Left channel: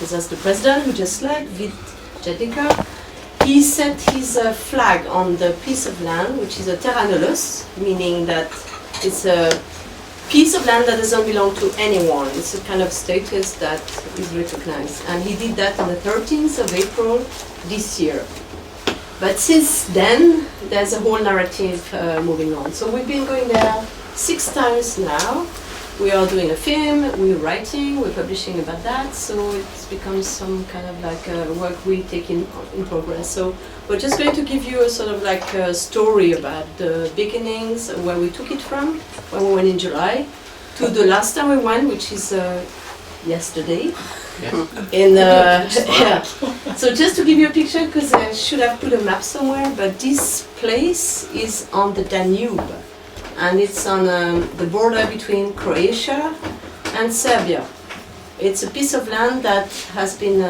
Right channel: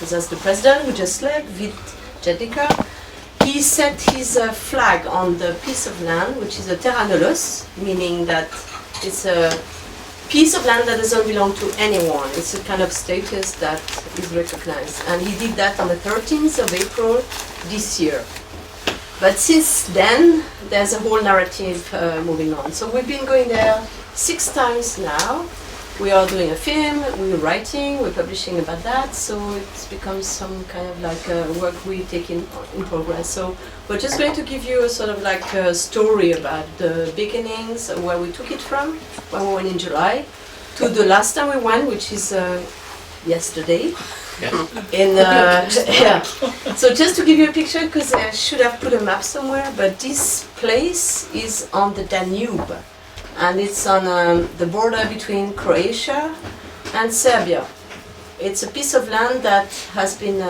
because that's the president who just left, Villette. He set his flag on the piece of land, which is a terra nullius, meaning that it's a piece of land that doesn't belong to anyone. It's a kind of status that is recognized. And he did that on the 13th of April this year. But since then, there's a whole narrative moving on. So we've been going there 6 times now. We are doing a film, we're writing, we're publishing about that, so it's become some kind of like work we take in progress. So we're just going to give you a sort of like a story about the beginnings, where we took it from, when we went in July, to the last time we went, which is yesterday. Yeah. So just to give you a picture, because I should have put a map somewhere, but this place is on the Danube. And it's on the border between Croatia and Serbia. It's a piece of land that has been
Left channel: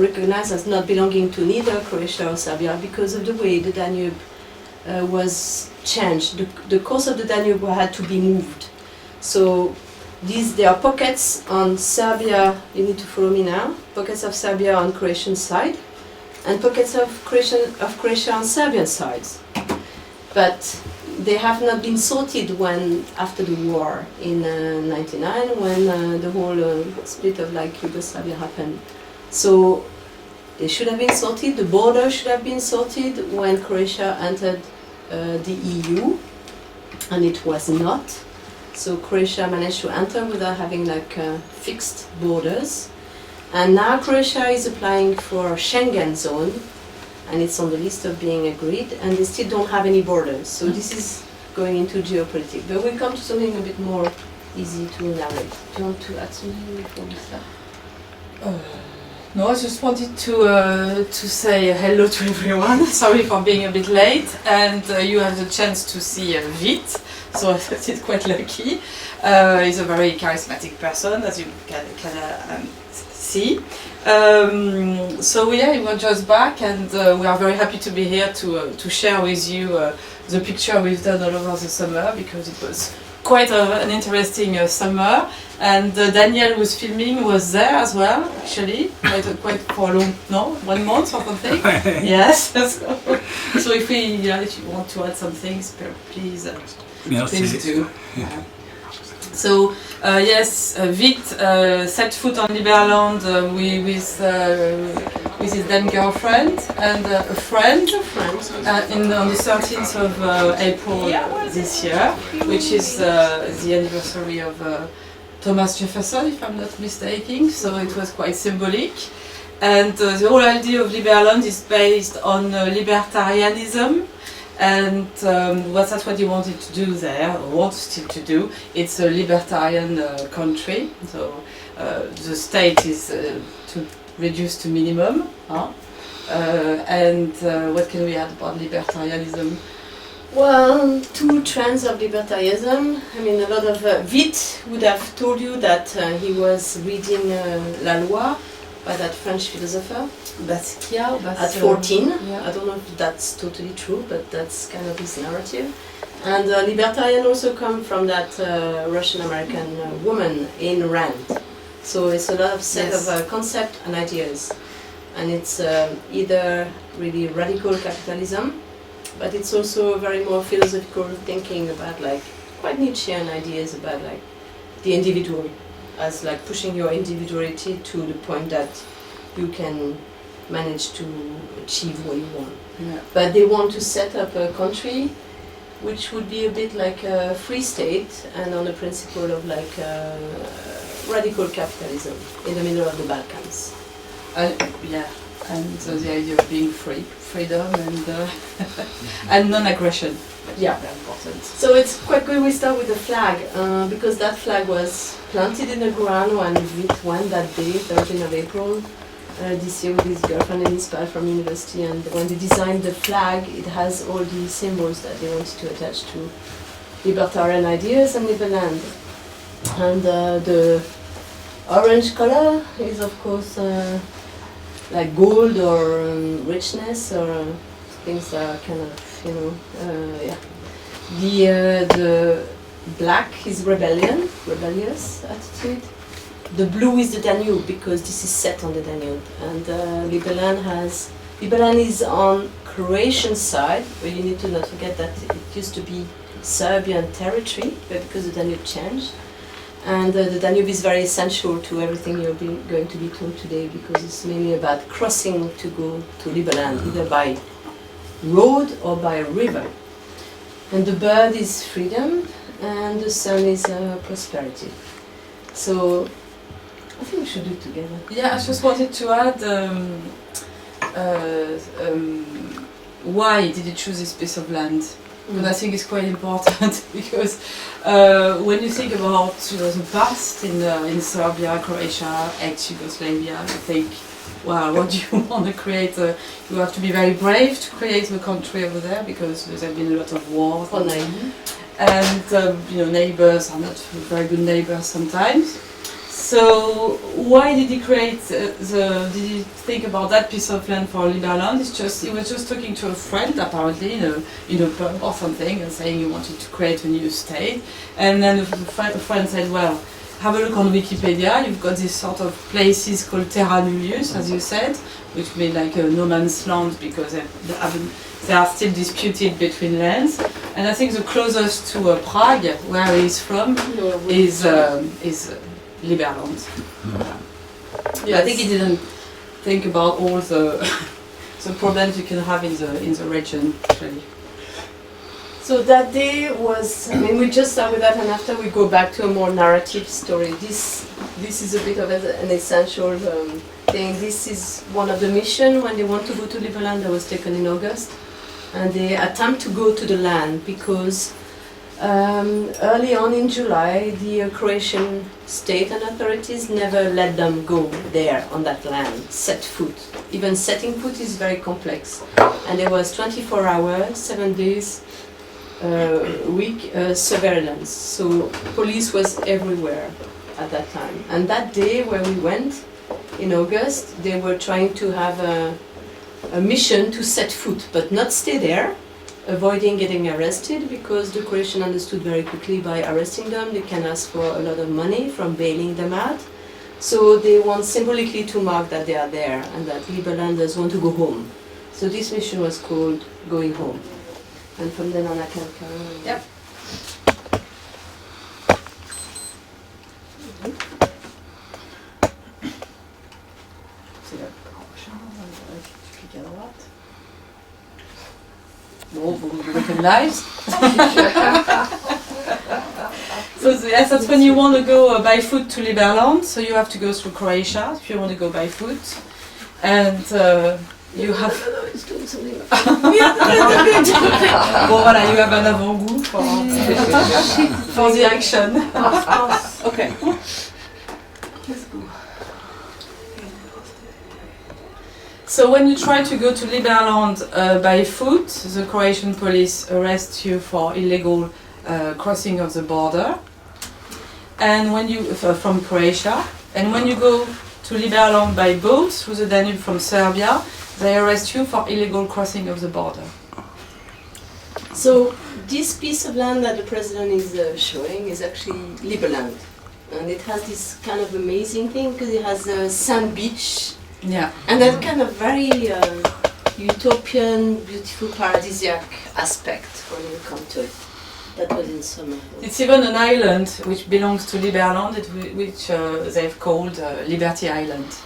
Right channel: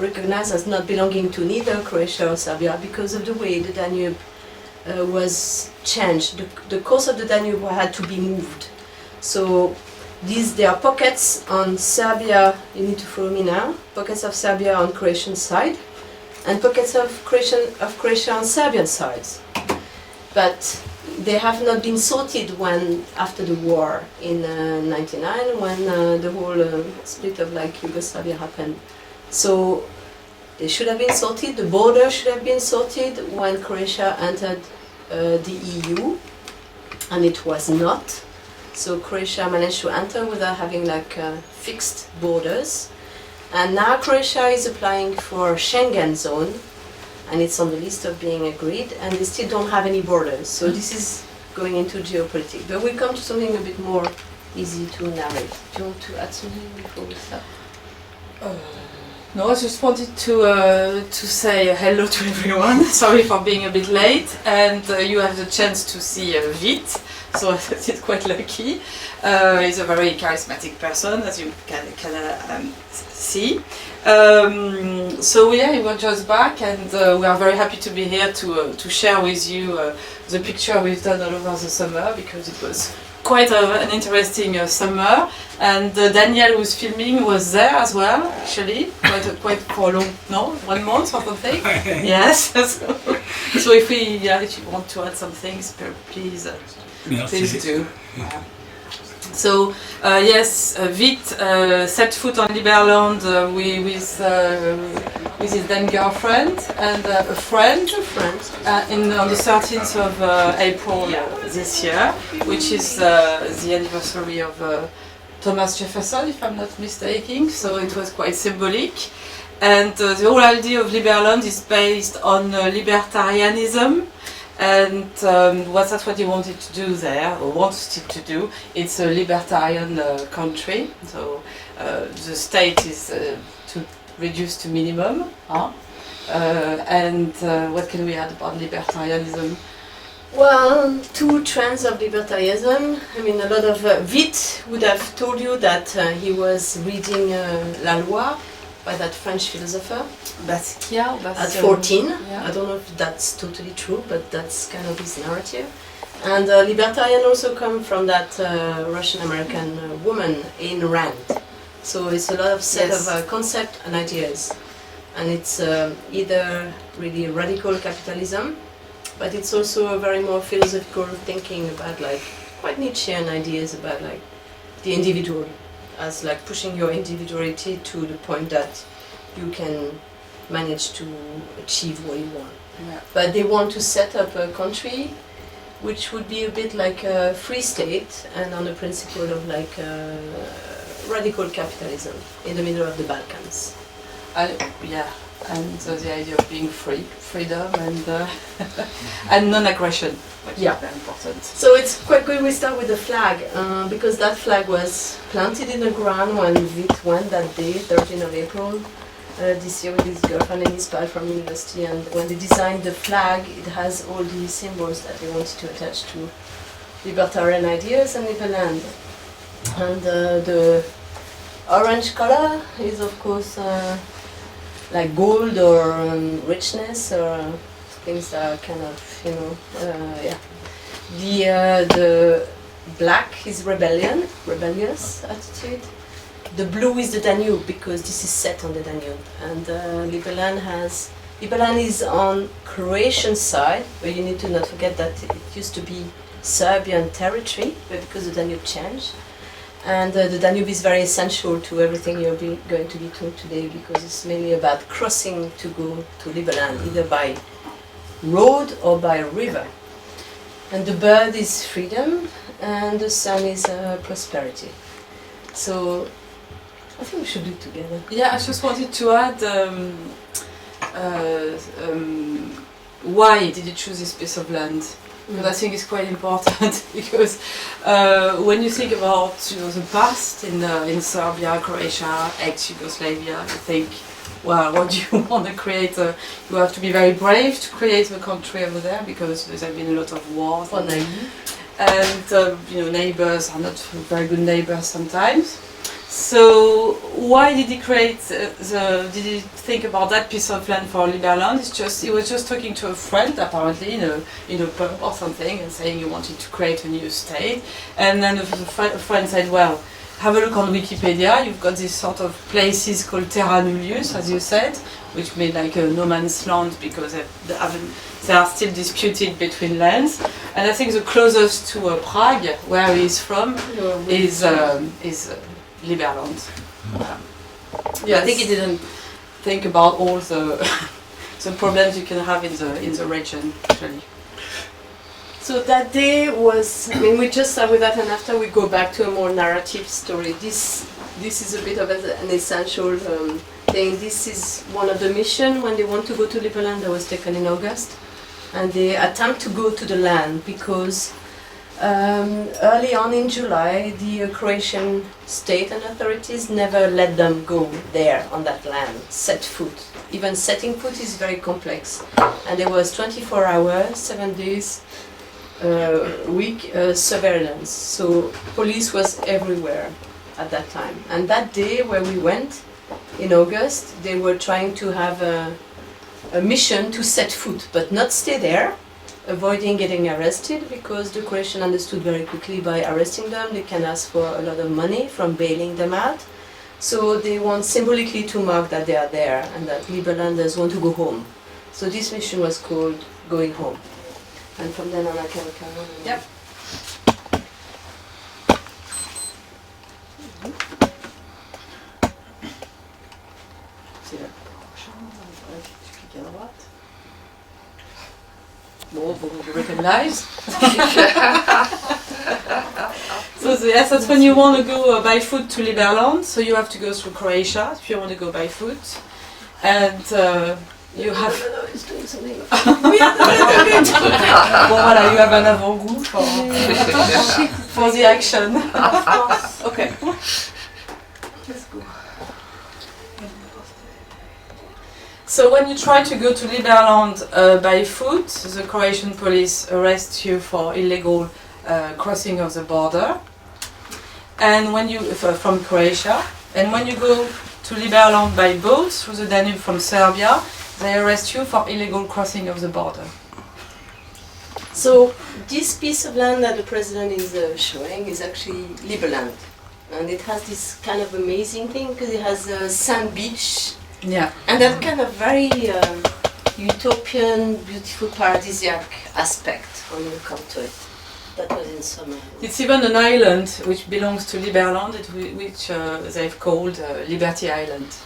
recognized as not belonging to neither Croatia or Serbia because of the way the Danube was changed. The course of the Danube had to be moved. So there are pockets on Serbia, you need to follow me now, pockets of Serbia on Croatian side, and pockets of Croatia on Serbian sides. But they have not been sorted after the war in '99, when the whole split of like Yugoslavia happened. So they should have been sorted. The border should have been sorted when Croatia entered the EU, and it was not. So Croatia managed to enter without having like fixed borders, and now Croatia is applying for Schengen zone. And it's on the list of being agreed, and they still don't have any borders. So this is going into geopolitics. But we come to something a bit more easy to narrate. Do you want to add something before we start? No, I just wanted to say hello to everyone. Sorry for being a bit late, and you have the chance to see Villette. So I thought it's quite lucky. He's a very charismatic person, as you can see. So yeah, he was just back, and we are very happy to be here to share with you the picture we've done all over the summer, because it was quite an interesting summer. And Daniel, who's filming, was there as well, actually, quite for a long, 1 month or something. Yes. So if you want to add some things, please do. Yeah. So yes, Villette set foot on Liberland with his then girlfriend and a friend on the 13th of April this year, which is the anniversary of Thomas Jefferson, if I'm not mistaken. So it was quite symbolic. And the whole idea of Liberland is based on libertarianism. And that's what he wanted to do there, or wants still to do. It's a libertarian country, so the state is reduced to minimum. And what can we add about libertarianism? Well, 2 trends of libertarianism. I mean, a lot of Villette would have told you that he was reading La Loi by that French philosopher. At 14. Yeah. I don't know if that's totally true, but that's kind of his narrative. And libertarian also come from that Russian-American woman, Ayn Rand. So it's a lot of set of concepts and ideas. And it's either really radical capitalism, but it's also a very more philosophical thinking about like quite Nietzschean ideas about like the individual, as like pushing your individuality to the point that you can manage to achieve what you want. Yeah. But they want to set up a country which would be a bit like a free state and on the principle of like radical capitalism in the middle of the Balkans. And the idea of being freedom and and non-aggression, which is very important. So it's quite good we start with the flag, because that flag was planted in the ground when Villette went that day, 13th of April, this year with his girlfriend and his pal from university. And when they designed the flag, it has all the symbols that they wanted to attach to libertarian ideas and Liberland. And the orange color is of course like gold or richness or things that are kind of, The black is rebellious attitude. the blue is the Danube because this is set on the Danube, and Liberland is on Croatian side, but you need to not forget that it used to be Serbian territory, but because the Danube changed. And the Danube is very essential to everything you're going to be told today, because it's mainly about crossing to go to Liberland, either by road or by river. And the bird is freedom, and the sun is prosperity. So I think we should do it together. Yeah, I just wanted to add why did you choose this piece of land? But I think it's quite important because when you think about the past in Serbia, Croatia, ex-Yugoslavia, you think, well, what do you want to create? You have to be very brave to create a country over there because there have been a lot of wars. And neighbors are not very good neighbors sometimes. So why did he create did he think about that piece of land for Liberland? He was just talking to a friend apparently in a pub or something and saying he wanted to create a new state. And then the friend said, well, have a look on Wikipedia, you've got these sort of places called terra nullius, as you said, which mean like a no man's land because they are still disputed between lands. And I think the closest to Prague, where he is from, is Liberland. Yes. I think he didn't think about all the the problems you can have in the region actually. So that day was, we just start with that, and after we go back to a more narrative story. This is a bit of an essential thing. This is one of the missions when they want to go to Liberland that was taken in August, and they attempt to go to the land because early on in July, the Croatian state and authorities never let them go there on that land, set foot. Even setting foot is very complex. And there was 24 hours, 7 days week surveillance. So police was everywhere at that time. And that day where we went, in August, they were trying to have a mission to set foot, but not stay there, avoiding getting arrested, because the Croatian understood very quickly by arresting them they can ask for a lot of money from bailing them out. So they want symbolically to mark that they are there and that Liberlanders want to go home. So this mission was called Going Home. And from then on I can carry on. Yep. Bon, vous recognize. So yes, that's when you want to go by foot to Liberland. So you have to go through Croatia if you want to go by foot, and you have. No, it's doing something. Bon voilà, you have an avant-goût for the action. Okay. So when you try to go to Liberland by foot, the Croatian police arrest you for illegal crossing of the border, and when you from Croatia, and when you go to Liberland by boat through the Danube from Serbia, they arrest you for illegal crossing of the border. So this piece of land that the president is showing is actually Liberland, and it has this kind of amazing thing because it has a sand beach. Yeah. And that kind of very utopian, beautiful, paradisiac aspect when you come to it. That was in summer. It's even an island which belongs to Liberland, which they've called Liberty Island.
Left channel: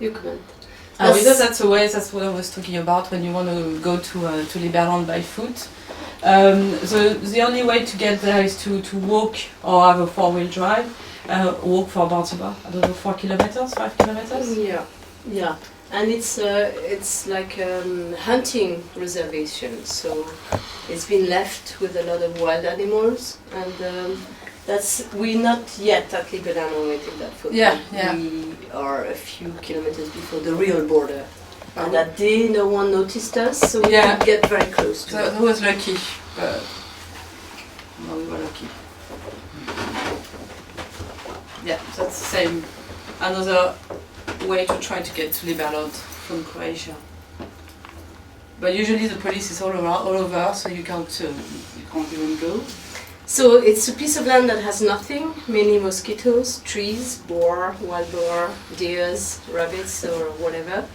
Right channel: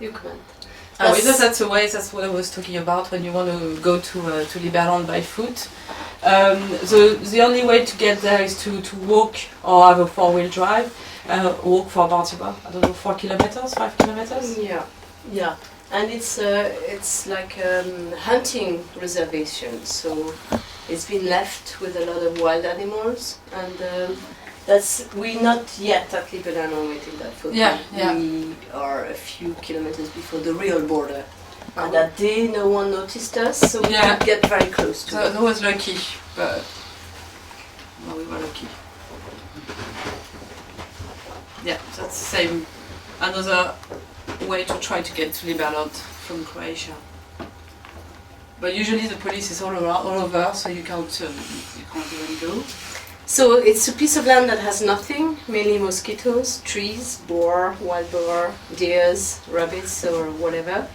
You comment. That's a way. That's what I was talking about when you want to go to Liberland by foot. The only way to get there is to walk or have a 4-wheel drive. Walk for about, I don't know, 4 kilometers, 5 kilometers? Yeah. And it's like hunting reservation, so it's been left with a lot of wild animals, and we're not yet at Liberland when we take that photo. Yeah. We are a few kilometers before the real border. And that day no one noticed us, so we could get very close to it. That was lucky, but well, we were lucky. Yeah, that's the same. Another way to try to get to Liberland from Croatia. But usually the police is all over, so you can't even go. So it's a piece of land that has nothing, mainly mosquitoes, trees, boar, wild boar, deers, rabbits or whatever.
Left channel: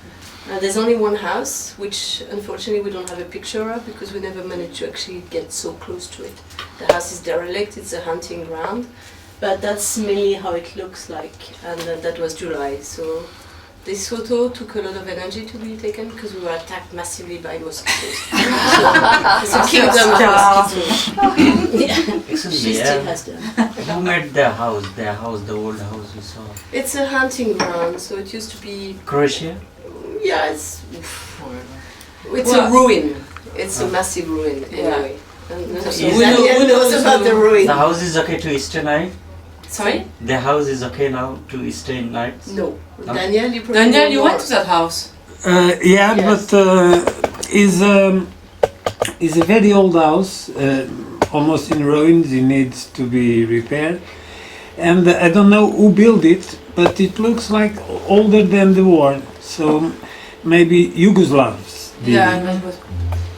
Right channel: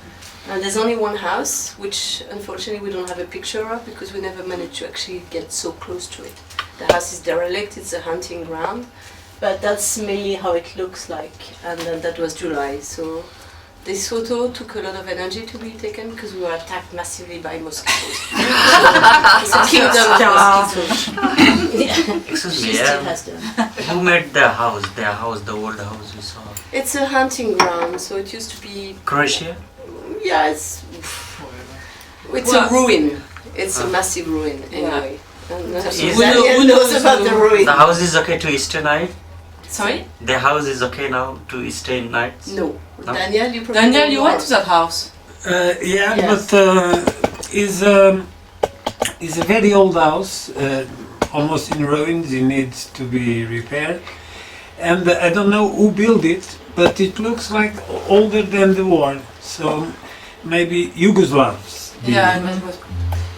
And there's only one house, which unfortunately we don't have a picture of because we never managed to actually get so close to it. The house is derelict, it's a hunting ground, but that's mainly how it looks like, and that was July. So this photo took a lot of energy to be taken because we were attacked massively by mosquitoes. So it's a kingdom of mosquitoes. Excuse She me, still has them. who made the house? The old house we saw. It's a hunting ground, so it used to be. Croatia? Yeah, it's Well, a ruin. It's a massive ruin anyway. And so Who Daniel knows about the ruin. The house is okay to stay night? Sorry? The house is okay now to stay nights? No. No? Daniel, you probably Daniel, know you more. went to that house? Yeah, Yes. but is a very old house, almost in ruins. It needs to be repaired, and I don't know who built it, but it looks like older than the war. So maybe Yugoslavs. did Yeah, it. I must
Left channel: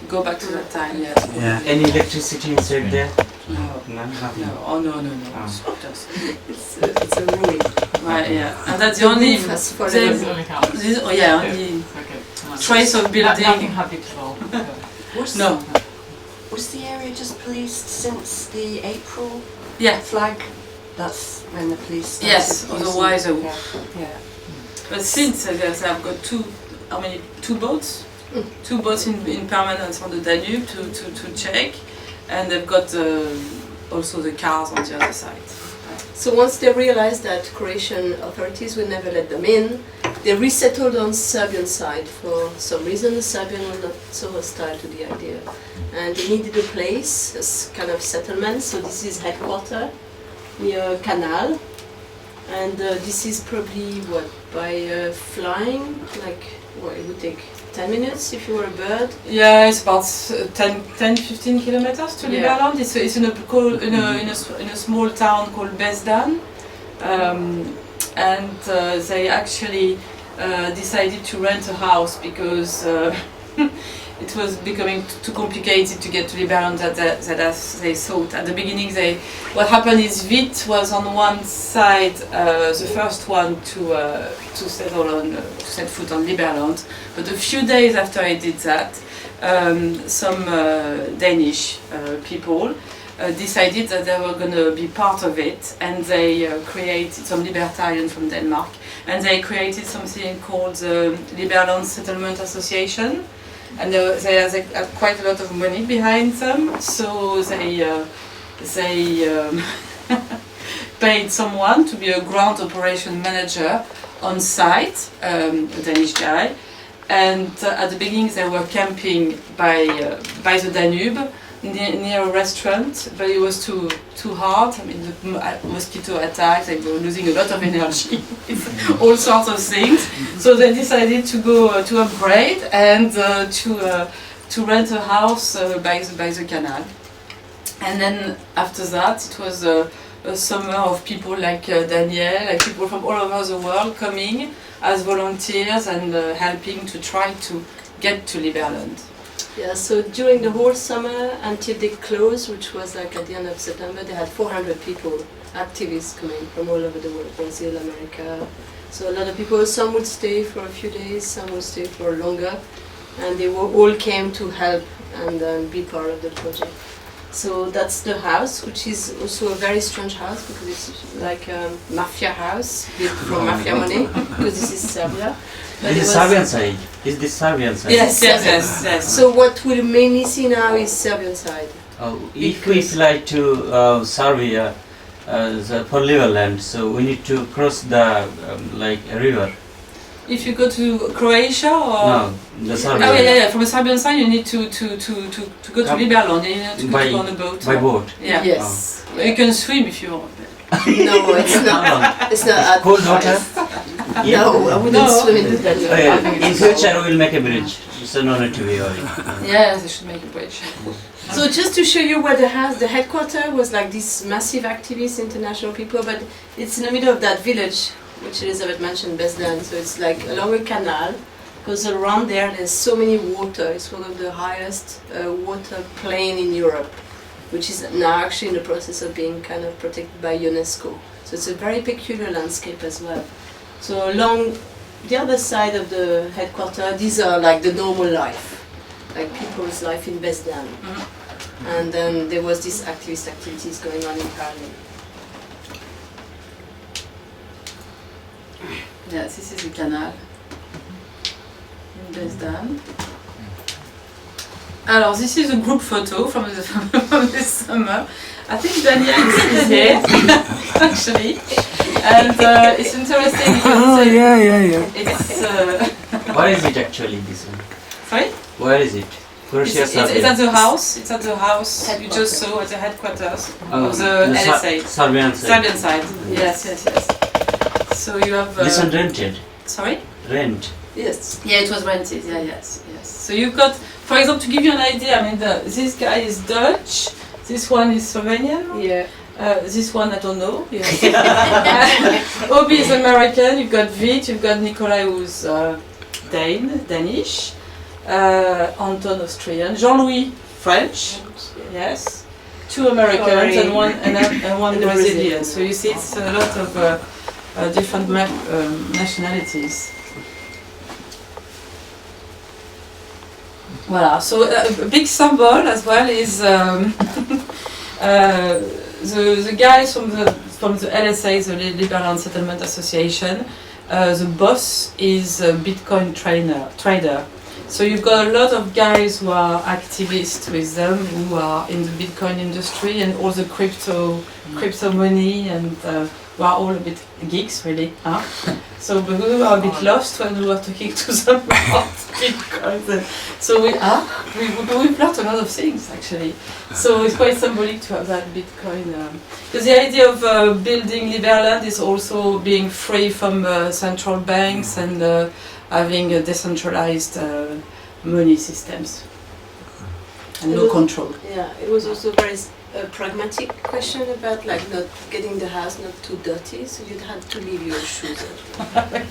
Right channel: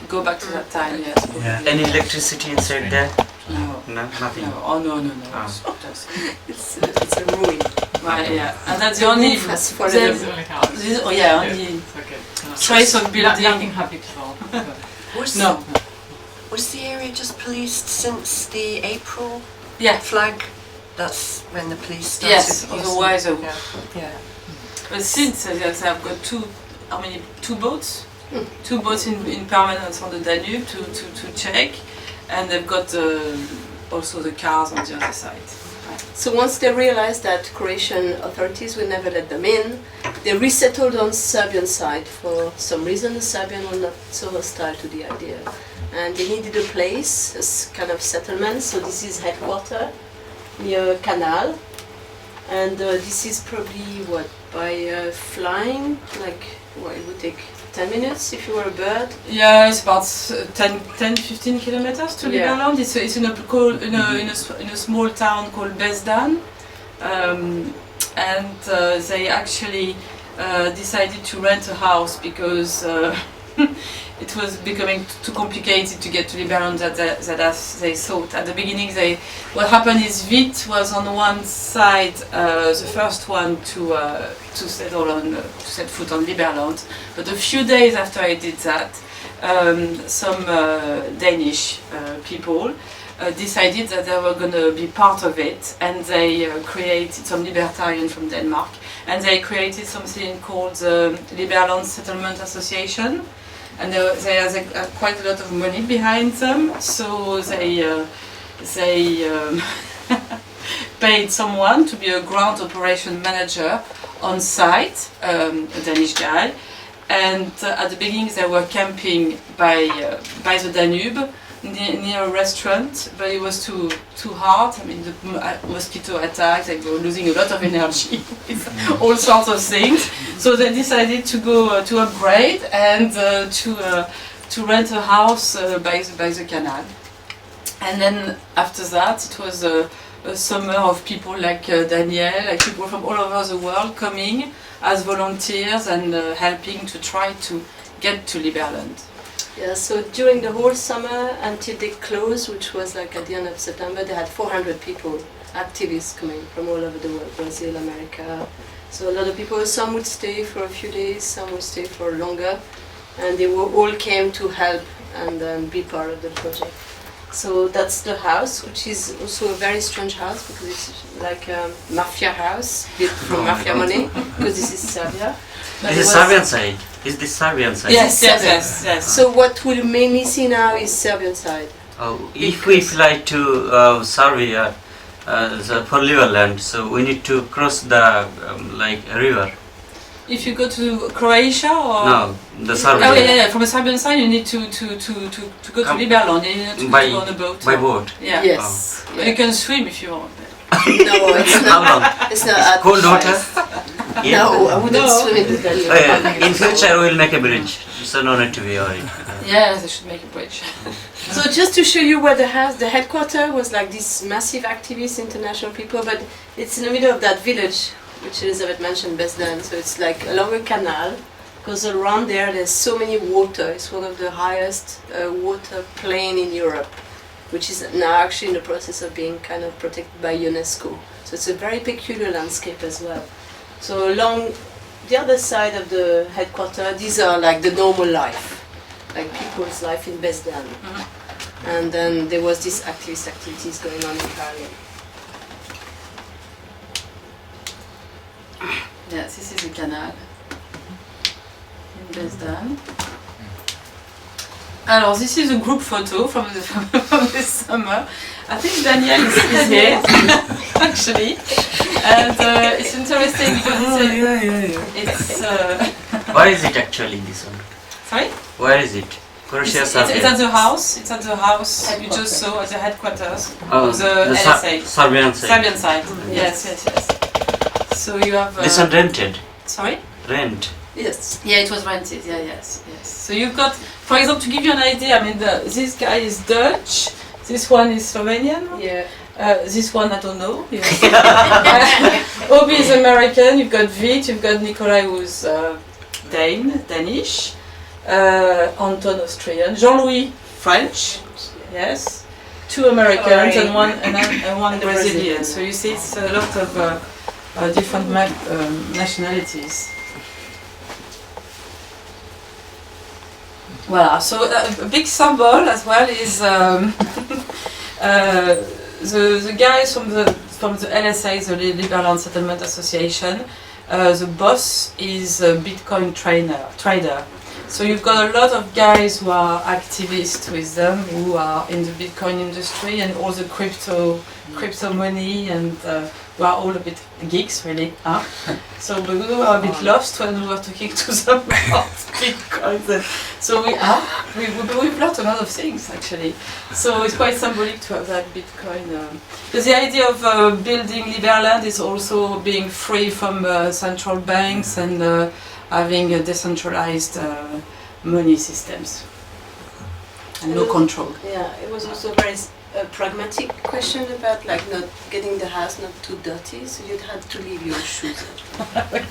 go back to that time, yes. Yeah. Any electricity inside there? No. No, nothing. No, oh no. Ah. It's a ruin. Right, yeah. And that's the only roof has fallen the- over. only house. only trace of building. Nothing habitable. Was, No. was the area just policed since the April Yeah. flag? That's when the police started Yes, using- otherwise Yeah. Yeah. But since I've got two boats? Mm. Two boats in permanence on the Danube to check, and they've got also the cars on the other side. So once they realized that Croatian authorities would never let them in, they resettled on Serbian side. For some reason, the Serbian were not so hostile to the idea, and they needed a place, a kind of settlement. So this is headquarters near canal, and this is probably what by flying, like what it would take 10 minutes if you were a bird. Yeah, it's about 10-15 kilometers to Yeah. Liberland. It's in a small town called Bezdan, and they actually decided to rent a house because it was becoming too complicated to get to Liberland that as they thought. At the beginning, what happened is Villette was on one side the first one to settle on to set foot on Liberland, but a few days after I did that, some Danish people decided that they were going to be part of it, and they created some libertarian from Denmark, and they created something called the Liberland Settlement Association. And they have quite a lot of money behind them, so they paid someone to be a ground operation manager on site, a Danish guy. And at the beginning they were camping by the Danube near a restaurant, but it was too hard. I mean, the mosquito attacks, they were losing a lot of energy with all sorts of things. So they decided to go to upgrade and to rent a house by the canal. And then after that, it was a summer of people like Daniel, like people from all over the world coming as volunteers and helping to try to get to Liberland. Yeah, so during the whole summer until they closed, which was like at the end of September, they had 400 people, activists coming from all over the world, Brazil, America. So a lot of people, some would stay for a few days, some would stay for longer, and they all came to help and be part of the project. So that's the house, which is also a very strange house because it's like a mafia house built from mafia money, because this is Serbia. But This it is was- Serbian side. Is this Serbian side? Yes. So what we'll mainly see now is Serbian side. Oh, if we fly to Serbia for Liberland, so we need to cross the like a river. If you go to Croatia or No, the Serbian. Oh yeah. From a Serbian side, you need to go to Come Liberland. You need to by go on a boat. by boat. Yeah. Yes. But you can swim if you want. No, it's not. It's not at Cold water. No, I wouldn't No. swim in the Danube. In future we will make a bridge, so no need to be worried. Yes, they should make a bridge. So just to show you where the headquarters was like this massive activist international people, but it's in the middle of that village, which Elisabeth mentioned, Bezdan. So it's like along a canal, because around there's so many water. It's one of the highest water plain in Europe, which is now actually in the process of being kind of protected by UNESCO. So it's a very peculiar landscape as well. So along the other side of the headquarters, these are like the normal life, like people's life in Besdan. And then there was this activities going on in parallel. Yes, this is the canal in Besdan. Alors, this is a group photo from this summer. I think Daniel is here, actually. And it's interesting because it's... Where is it actually, this one? Sorry? Where is it? It's at the house. It's at the house you just saw at the headquarters of the LSA. Serbian side. Serbian side. Yes. So you have... This one rented? Sorry? Rent? Yes. Yeah, it was rented. Yeah, yes. So you've got, for example, to give you an idea, I mean, this guy is Dutch, this one is Slovenian. Yeah. This one I don't know. Obi is American. You've got Vit. You've got Nikolai who's Danish. Anton Austrian. Jean-Louis French. Yes. 2 Americans and one Brazilian. So you see, it's a lot of different nationalities. Voilà, so a big symbol as well is the guys from the LSA, the Liberland Settlement Association. The boss is a Bitcoin trader. So you've got a lot of guys who are activists with them, who are in the Bitcoin industry and all the crypto money, and we are all a bit geeks, really. Huh? So we were a bit lost when we were talking to them about Bitcoin. So we've learned a lot of things, actually. So it's quite symbolic to have that Bitcoin. Because the idea of building Liberland is also being free from central banks and having decentralized money systems and no control. Yeah, it was also very pragmatic question about like not getting the house not too dirty, so you'd had to leave your shoes at home.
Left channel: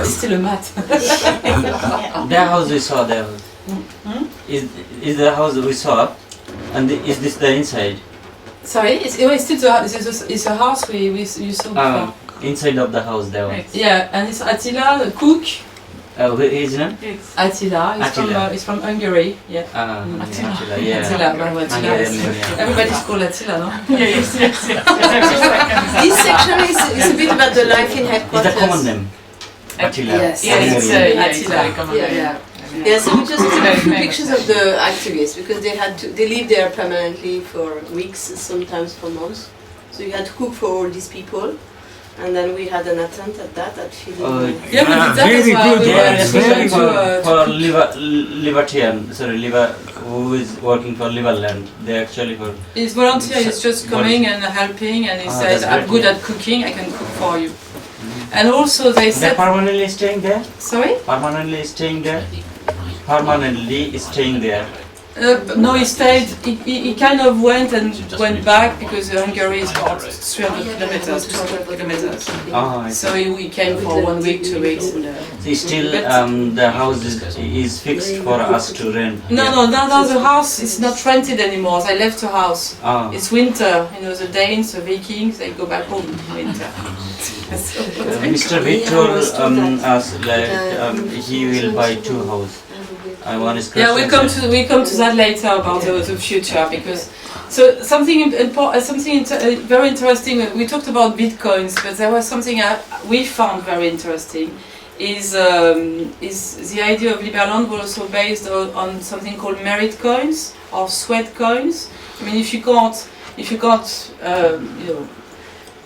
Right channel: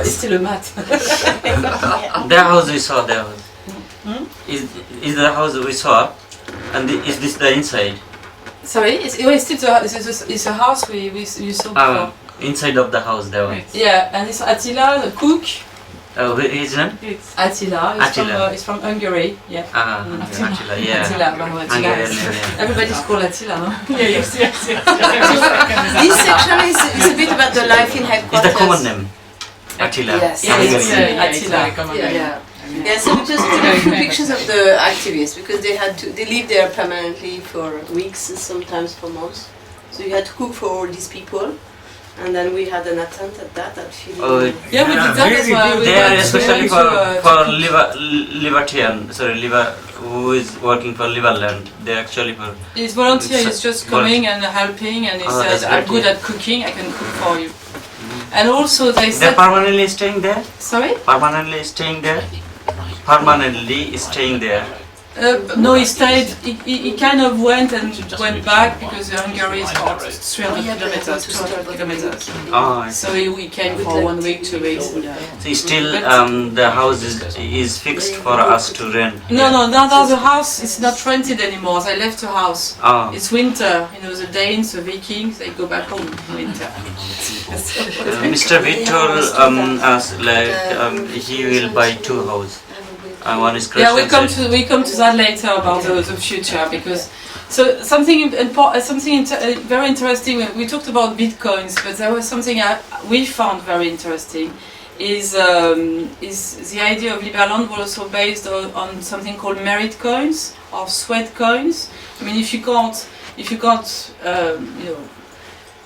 It's still a mat. The house we saw there. Is the house we saw, and is this the inside? Sorry, it's a house you saw before. Inside of the house there. Yeah, and it's Attila, the cook. His name? Attila. He's from Hungary. Yeah. Attila, yeah. Attila. Everybody's called Attila, no? This section is a bit about the life in headquarters. Is the common name? Attila. Yes, Attila. Yeah, so we just took pictures of the activists because they lived there permanently for weeks, sometimes for months. So you had to cook for all these people. And then we had an attempt at that at feeding. Yeah, we did that as well. We went especially to who is working for Liberland. They actually for. He's volunteer. He's just coming and helping, and he says, "I'm good at cooking. I can cook for you." And also they said. They're permanently staying there. Sorry. Permanently staying there. Permanently staying there. No, he stayed. He kind of went and went back because Hungary is about 300 kilometers, 200 kilometers. Oh, so he came for 1 week, 2 weeks. So still, the house is fixed for us to rent. No, the house is not rented anymore. They left the house. Oh. It's winter. You know, the Danes, the Vikings, they go back home in winter. Mr. Vitt told us like he will buy 2 houses. One is yeah, we come to that later about the future, because something very interesting. We talked about bitcoins, but there was something we found very interesting. Is the idea of Liberland was also based on something called merit coins or sweat coins. I mean, if you can't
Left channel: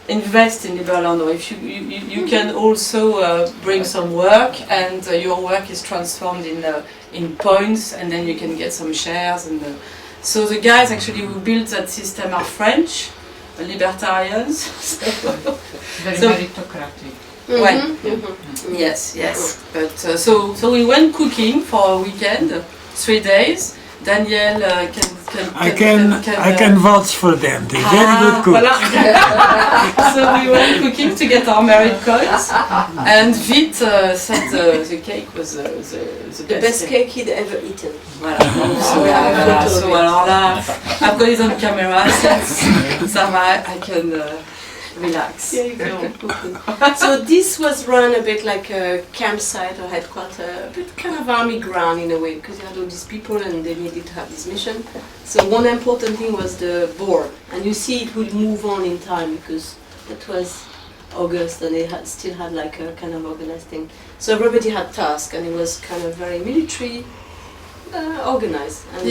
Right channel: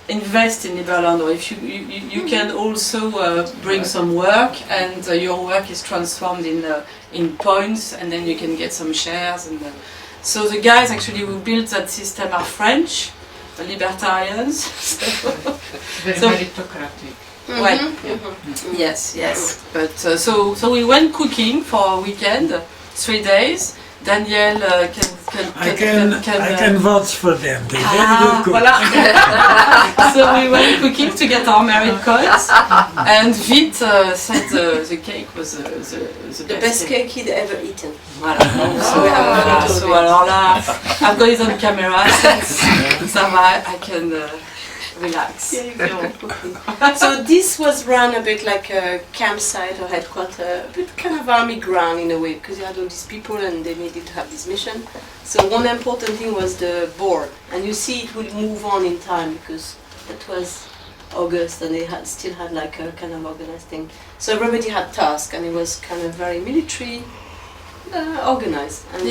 invest in Liberland, or if you can also bring some work, and your work is transformed in points, and then you can get some shares. And so the guys actually who built that system are French, libertarians. Very meritocratic. Right. Yes. But so we went cooking for a weekend, 3 days, Daniel I can vouch for them. They're very good cooks. Voilà. So we were cooking to get our merit coins, and Vite said the cake was The best cake he'd ever eaten. Voilà. So alors là, I've got it on camera, ça va, I can relax. So this was run a bit like a campsite or headquarter, a bit kind of army ground in a way, because you had all these people and they needed to have this mission. So one important thing was the board, and you see it would move on in time because that was August and they still had like a kind of organized thing. So everybody had tasks and it was kind of very military organized and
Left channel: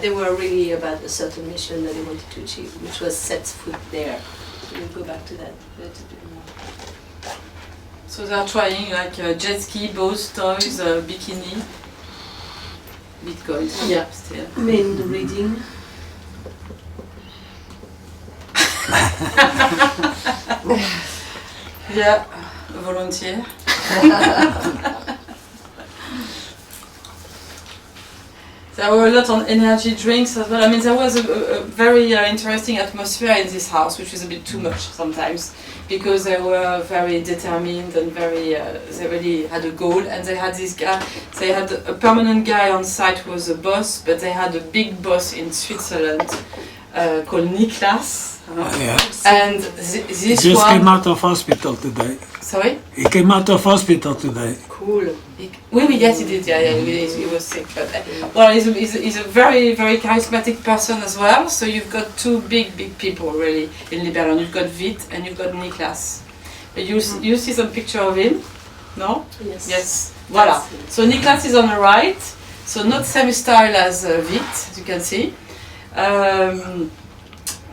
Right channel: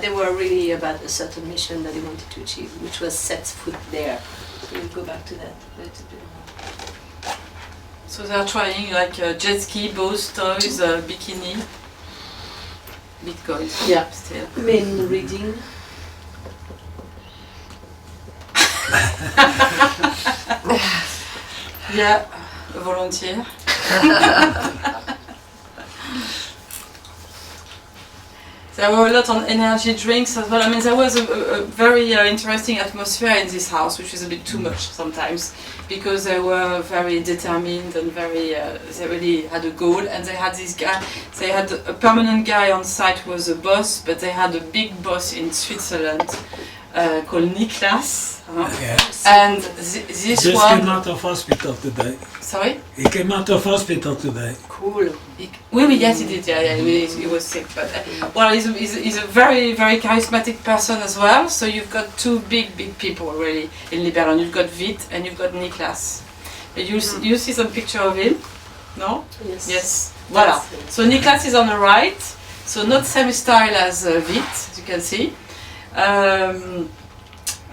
they were really about a certain mission that they wanted to achieve, which was set foot there. So we'll go back to that a little bit more. So they're trying like jet ski, boats, toys, bikini, Bitcoin. Yeah, still. Main reading. Yeah, volunteer. There were a lot on energy drinks as well. I mean, there was a very interesting atmosphere in this house, which was a bit too much sometimes, because they were very determined and very, they really had a goal, and they had this guy, they had a permanent guy on site who was a boss, but they had a big boss in Switzerland called Niklas. And this just one came out of hospital today. Sorry? He came out of hospital today. Cool. Yes, he did. Yeah, he was sick, but well, he's a very, very charismatic person as well. So you've got two big people really in Liberland. You've got Vite and you've got Niklas. You see some picture of him? No? Yes. Yes. Voilà. So Niklas is on the right. So not same style as Vite, as you can see.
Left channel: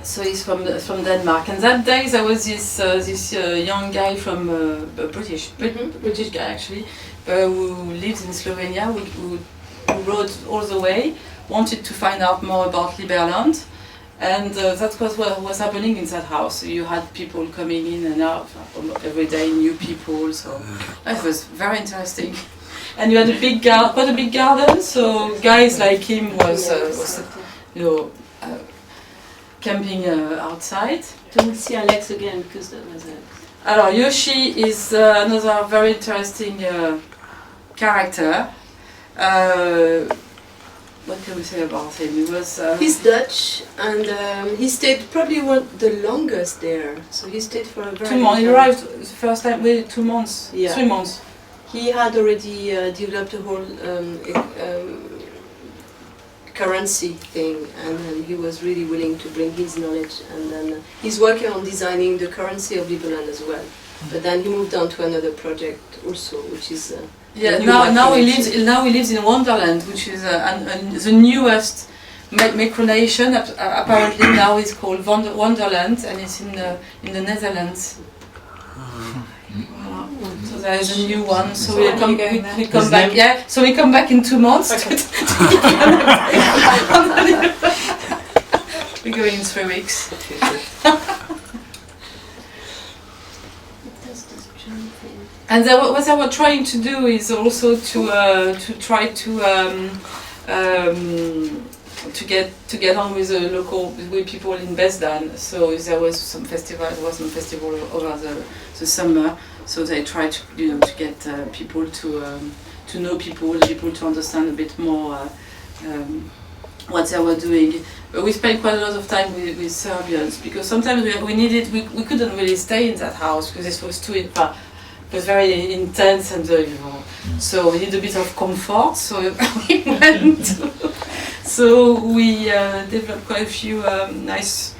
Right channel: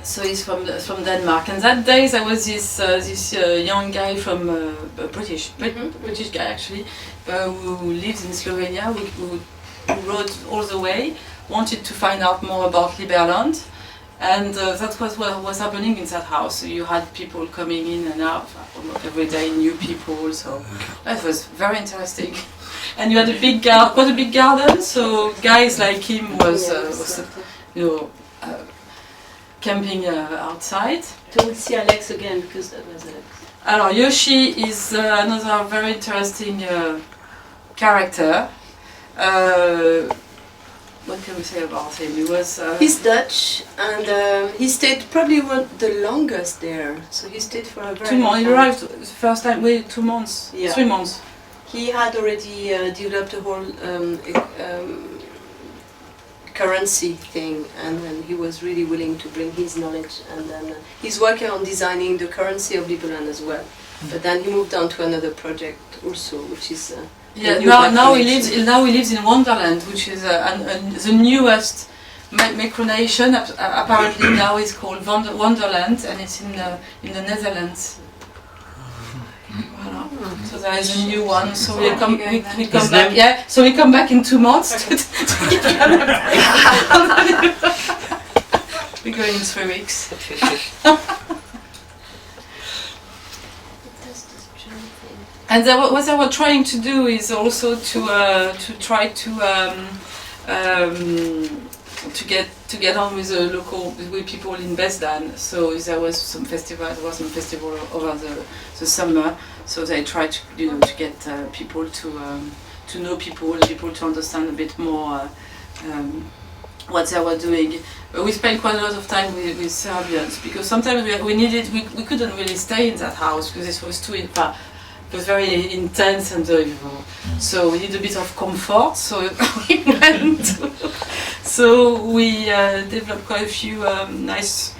So he's from Denmark, and that day there was this young guy from British guy actually, who lives in Slovenia, who rode all the way, wanted to find out more about Liberland, and that was what was happening in that house. So you had people coming in and out every day, new people. So that was very interesting. And you had quite a big garden. So guys like him was camping outside. So we'll see Alex again because that was Alex. Alors Yoshi is another very interesting character. What can we say about him? He was. He's Dutch and he stayed probably the longest there. So he stayed for a very 2 months. long He time. arrived the first time. 2 months. Yeah. 3 months. He had already developed a whole currency thing, and then he was really willing to bring his knowledge, and then he's working on designing the currency of Liberland as well. But then he moved on to another project also, which is now he lives in Wonderland, which is the newest micronation. Apparently now it's called Wonderland, and it's in the Netherlands. So there is a new one. So we come back. Yeah. So we come back in 2 months. We're going in 3 weeks. And what they were trying to do is also to try to get on with the local people in Besdan. So there was some festival. There was some festival over the summer. So they tried to get people to know people to understand a bit more what they were doing. But we spent quite a lot of time with Serbians because sometimes we couldn't really stay in that house because it was it was very intense and so we need a bit of comfort. So we went. So we developed quite a few nice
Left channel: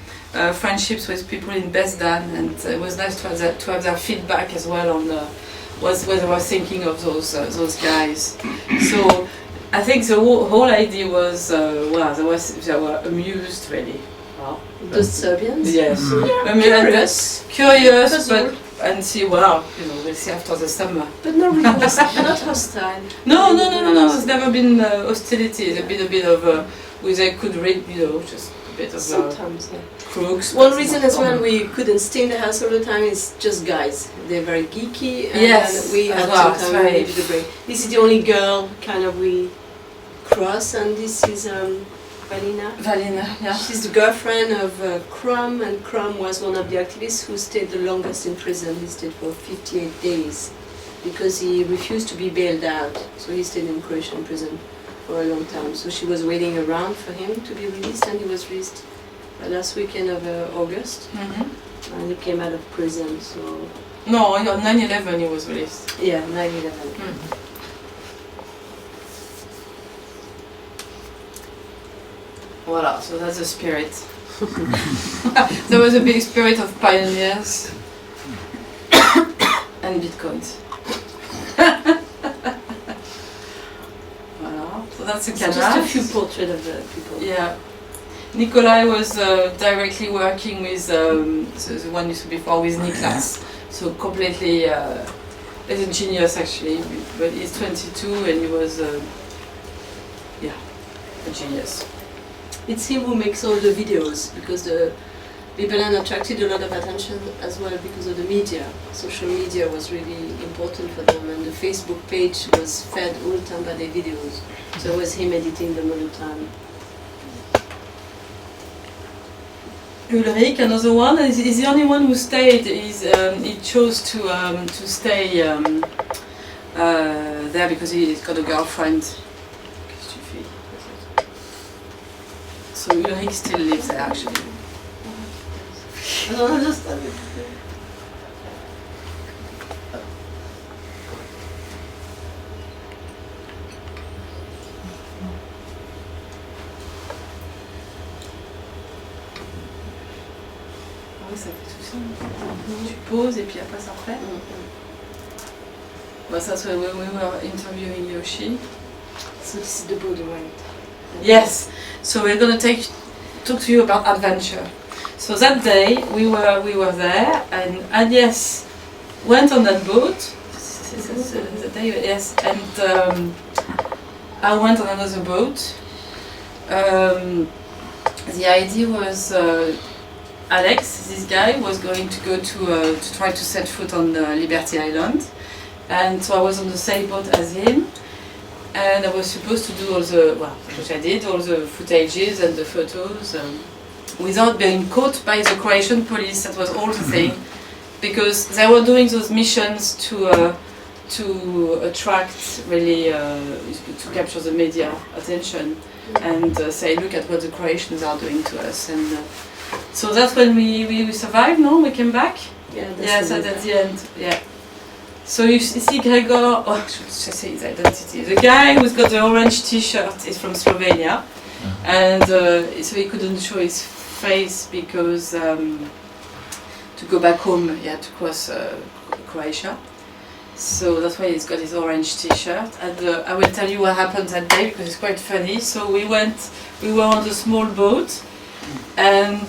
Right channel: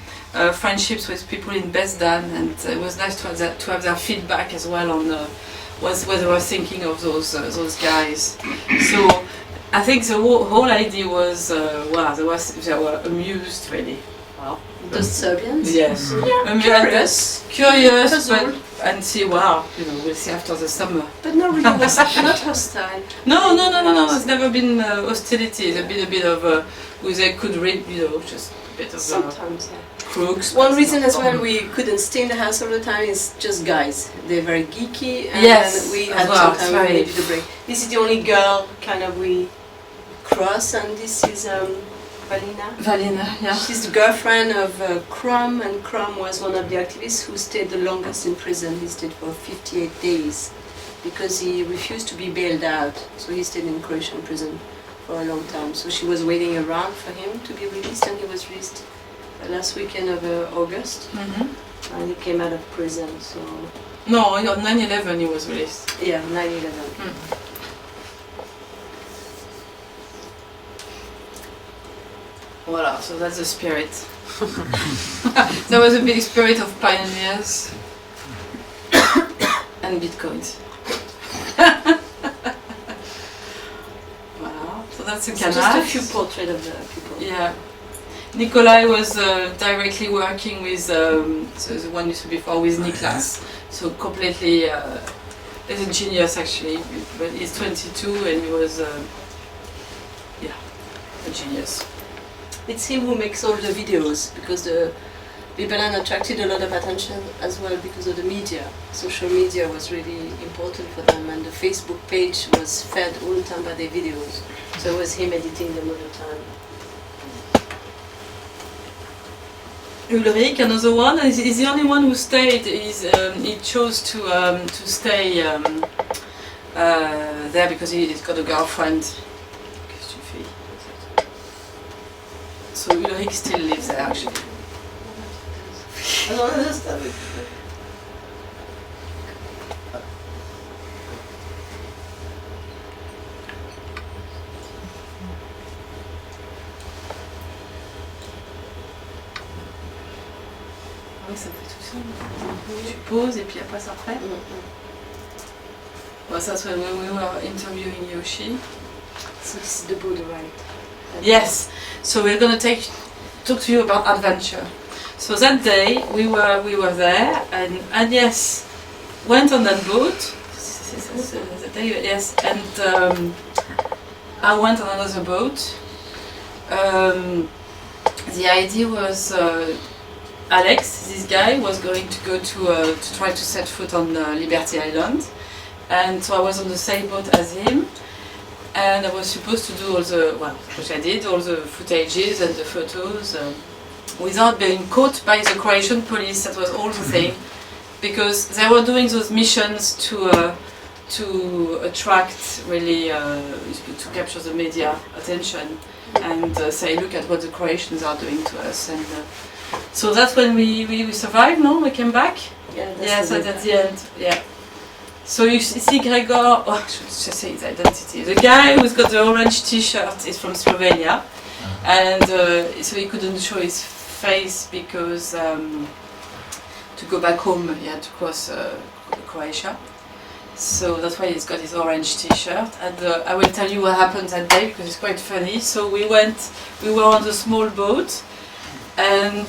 friendships with people in Besdan, and it was nice to have their feedback as well on what they were thinking of those guys. So I think the whole idea was they were amused really. Wow. The Serbians? Yes. Yeah, curious, but and see we'll see after the summer. But not really not hostile. No. There's never been hostility. It's a bit of they could read, just a bit of sometimes. crooks. One reason as well we couldn't stay in the house all the time is just guys. They're very geeky, and yes, we had well, sometimes we needed a break. This is the only girl kind of we Cross, and this is Valina. Valina, yeah. She's the girlfriend of Crum, and Crum was one of the activists who stayed the longest in prison. He stayed for 58 days because he refused to be bailed out. So he stayed in Croatian prison for a long time. So she was waiting around for him to be released, and he was released last weekend of August. And he came out of prison. So No, on 9/11 he was released. yeah, 9/11. Voila, so that's the spirit. There was a big spirit of pioneers and bitcoins. Voilà, so that's a It's canal. just a few portraits of the people. Yeah. Nikolai was directly working with so the one you saw before with Niklas. So completely he's a genius actually, but he's 22 and he was a genius. It's him who makes all the videos, because the Liberland attracted a lot of attention as well because of the media. Social media was really important for them, and the Facebook page was fed all the time by their videos. So it was him editing them all the time. Ulrich, another one, is the only one who stayed. He chose to stay there because he's got a girlfriend. So Ulrich still lives there actually. I don't understand it. Oui, ça fait tout ça. Tu poses et puis après ça refait. Well, that's when we were interviewing Yoshi. So this is the boat ride. Yes. So we're gonna talk to you about adventure. So that day we were there, and Agnes went on that boat. The day, yes, and I went on another boat. The idea was Alex, this guy, was going to go to try to set foot on Liberty Island, and so I was on the same boat as him. And I was supposed to do all the, well, which I did, all the footages and the photos without being caught by the Croatian police. That was all the thing, because they were doing those missions to attract really, to capture the media attention and say, look at what the Croatians are doing to us. And so that's when we survived, no? We came back? Yeah, Yes, at the end, yeah. So you see Gregor, oh, I should just say his identity. The guy who's got the orange t-shirt is from Slovenia, and so he couldn't show his face because to go back home he had to cross Croatia. So that's why he's got his orange t-shirt. And I will tell you what happened that day because it's quite funny. So we were on the small boat, and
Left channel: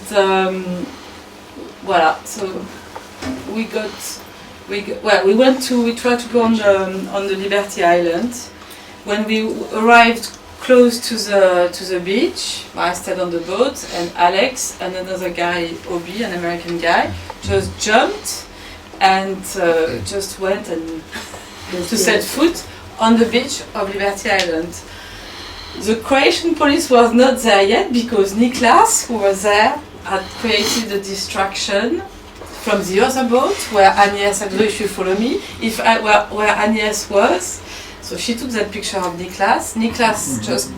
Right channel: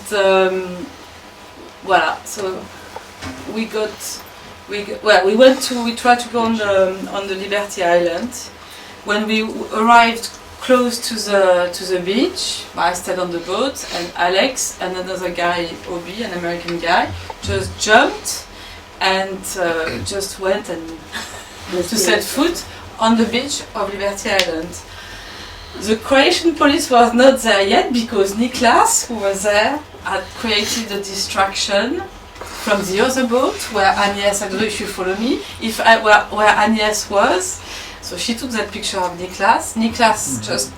voila. So we tried to go on the Liberty Island. When we arrived close to the beach, I stayed on the boat, and Alex and another guy, Obi, an American guy, just jumped and just went and to set foot on the beach of Liberty Island. The Croatian police was not there yet because Niklas, who was there, had created a distraction from the other boat where Agnes, I don't know if you follow me, where Agnes was. So she took that picture of Niklas. Niklas just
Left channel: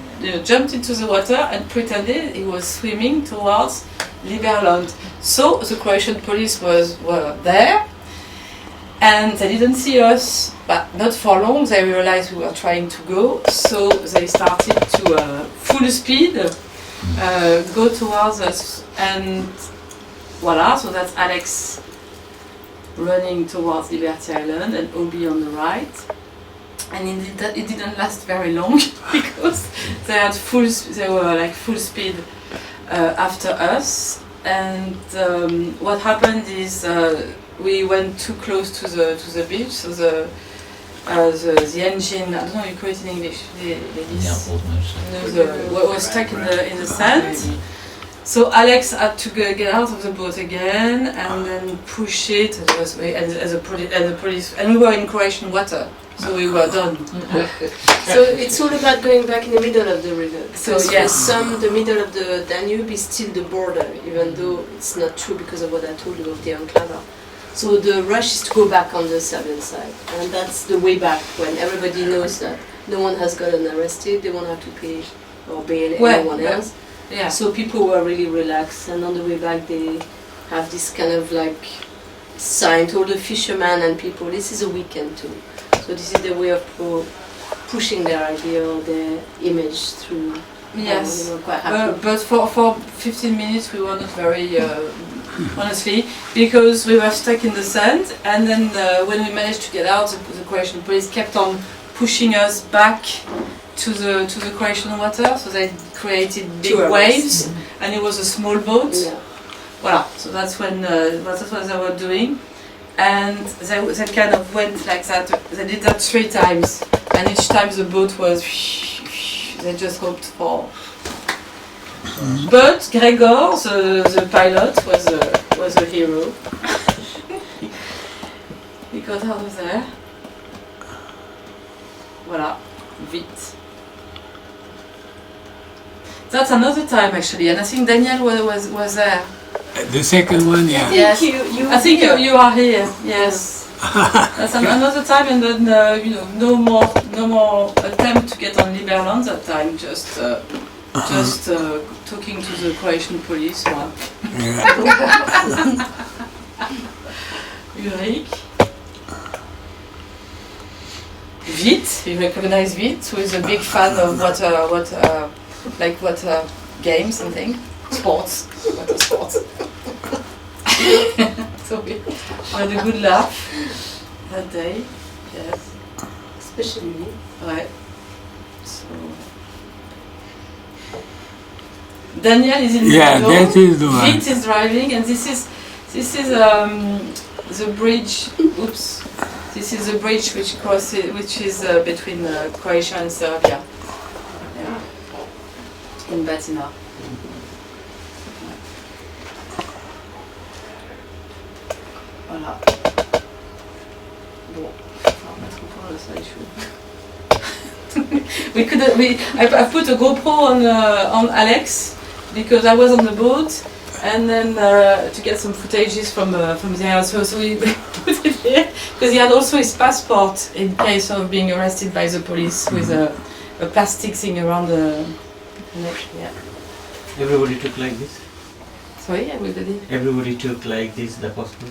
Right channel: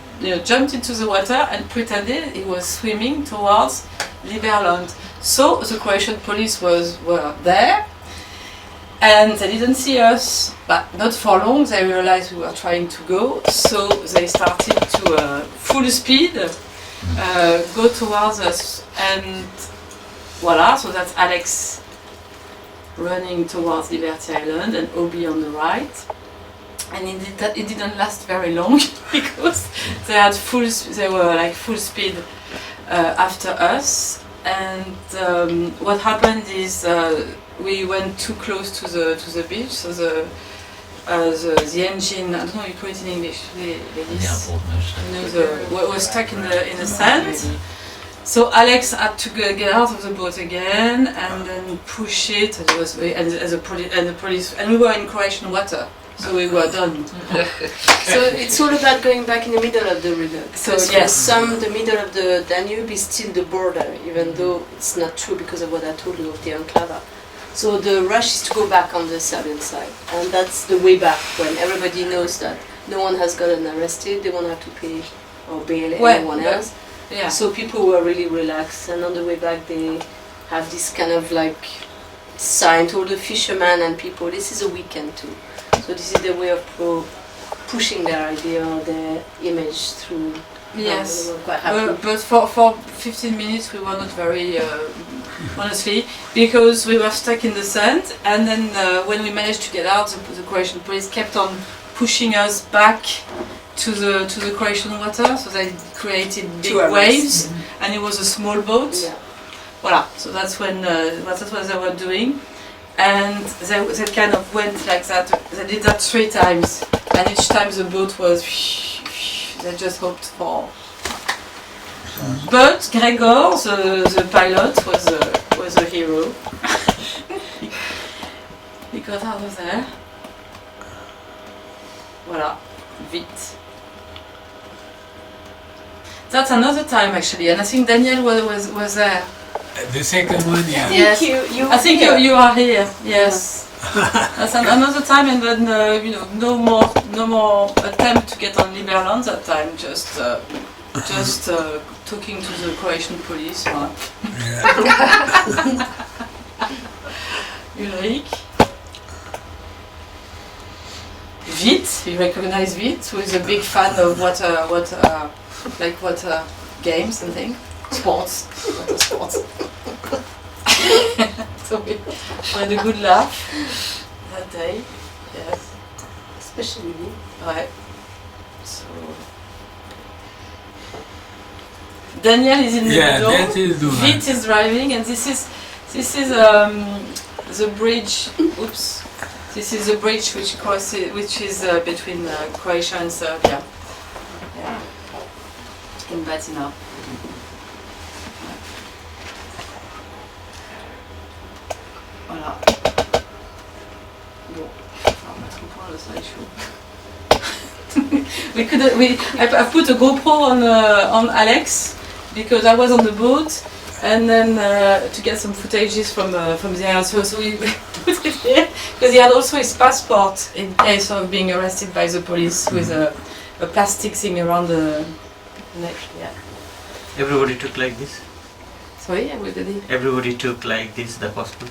jumped into the water and pretended he was swimming towards Liberland. So the Croatian police were there, and they didn't see us, but not for long. They realized we were trying to go, so they started to full speed go towards us, and voila, so that's Alex running towards Liberty Island and Obi on the right. And it didn't last very long because they were like full speed after us. And what happened is we went too close to the beach, so the engine, I don't know how you call it in English, was stuck in the sand. So Alex had to get out of the boat again and then push it. And the police, and we were in Croatian water. So we were done. So it's all about going back in the middle of the river. So, Because yes. for some, the middle of the Danube is still the border, even though it's not true because of what I told you of the enclave. So the rush is to go back on the Serbian side, and that's the way back when everybody knows that no one has gotten arrested, they won't have to pay or bail Well, anyone but- else. Yeah. So people were really relaxed, and on the way back they have this kind of like sign to all the fishermen and people, this is a weekend too. So this is their way of pushing their idea or their image through. Yes. They were quite happy. But for 15 minutes we were not very, honestly, because we were stuck in the sand, and then when we managed to get out, the Croatian police kept on pushing us back to the Croatian water, so they created big To arrest. waves, and it was a small boat. Yeah. Voilà, so that's when that's what they were doing, and they kind of went like that. They did that 3 times, and each time the boat was. They just hoped for. But Gregor, the pilot, was a hero. He got out of there. Voilà, vite. That's another time actually, and I think Daniel was there. The second one, yeah. Yes. You I think here. you are here. Yes. That's another time, and then no more attempt to get on Liberland that time. Just talking to the Croatian police. Voilà. Yeah. Ulrich. Vite, you recognize Vite, who is a big fan of water games and things. Sports. Water sports. So we had a good laugh that day. Yes. Especially me. Ouais. So Daniel is in the Yeah, middle. that is the one. Vite is driving, and this is the bridge. Oops. This is the bridge which is between Croatia and Serbia. Yeah. In Batina. Voilà. Bon, on va mettre au point le slideshow. I put a GoPro on Alex because I was on the boat, and then to get some footages from the island. So we put it here because he had also his passport in case of being arrested by the police with a plastic thing around the neck. Yeah. Everybody took like this? Sorry, everybody. Everybody took like this, the passport?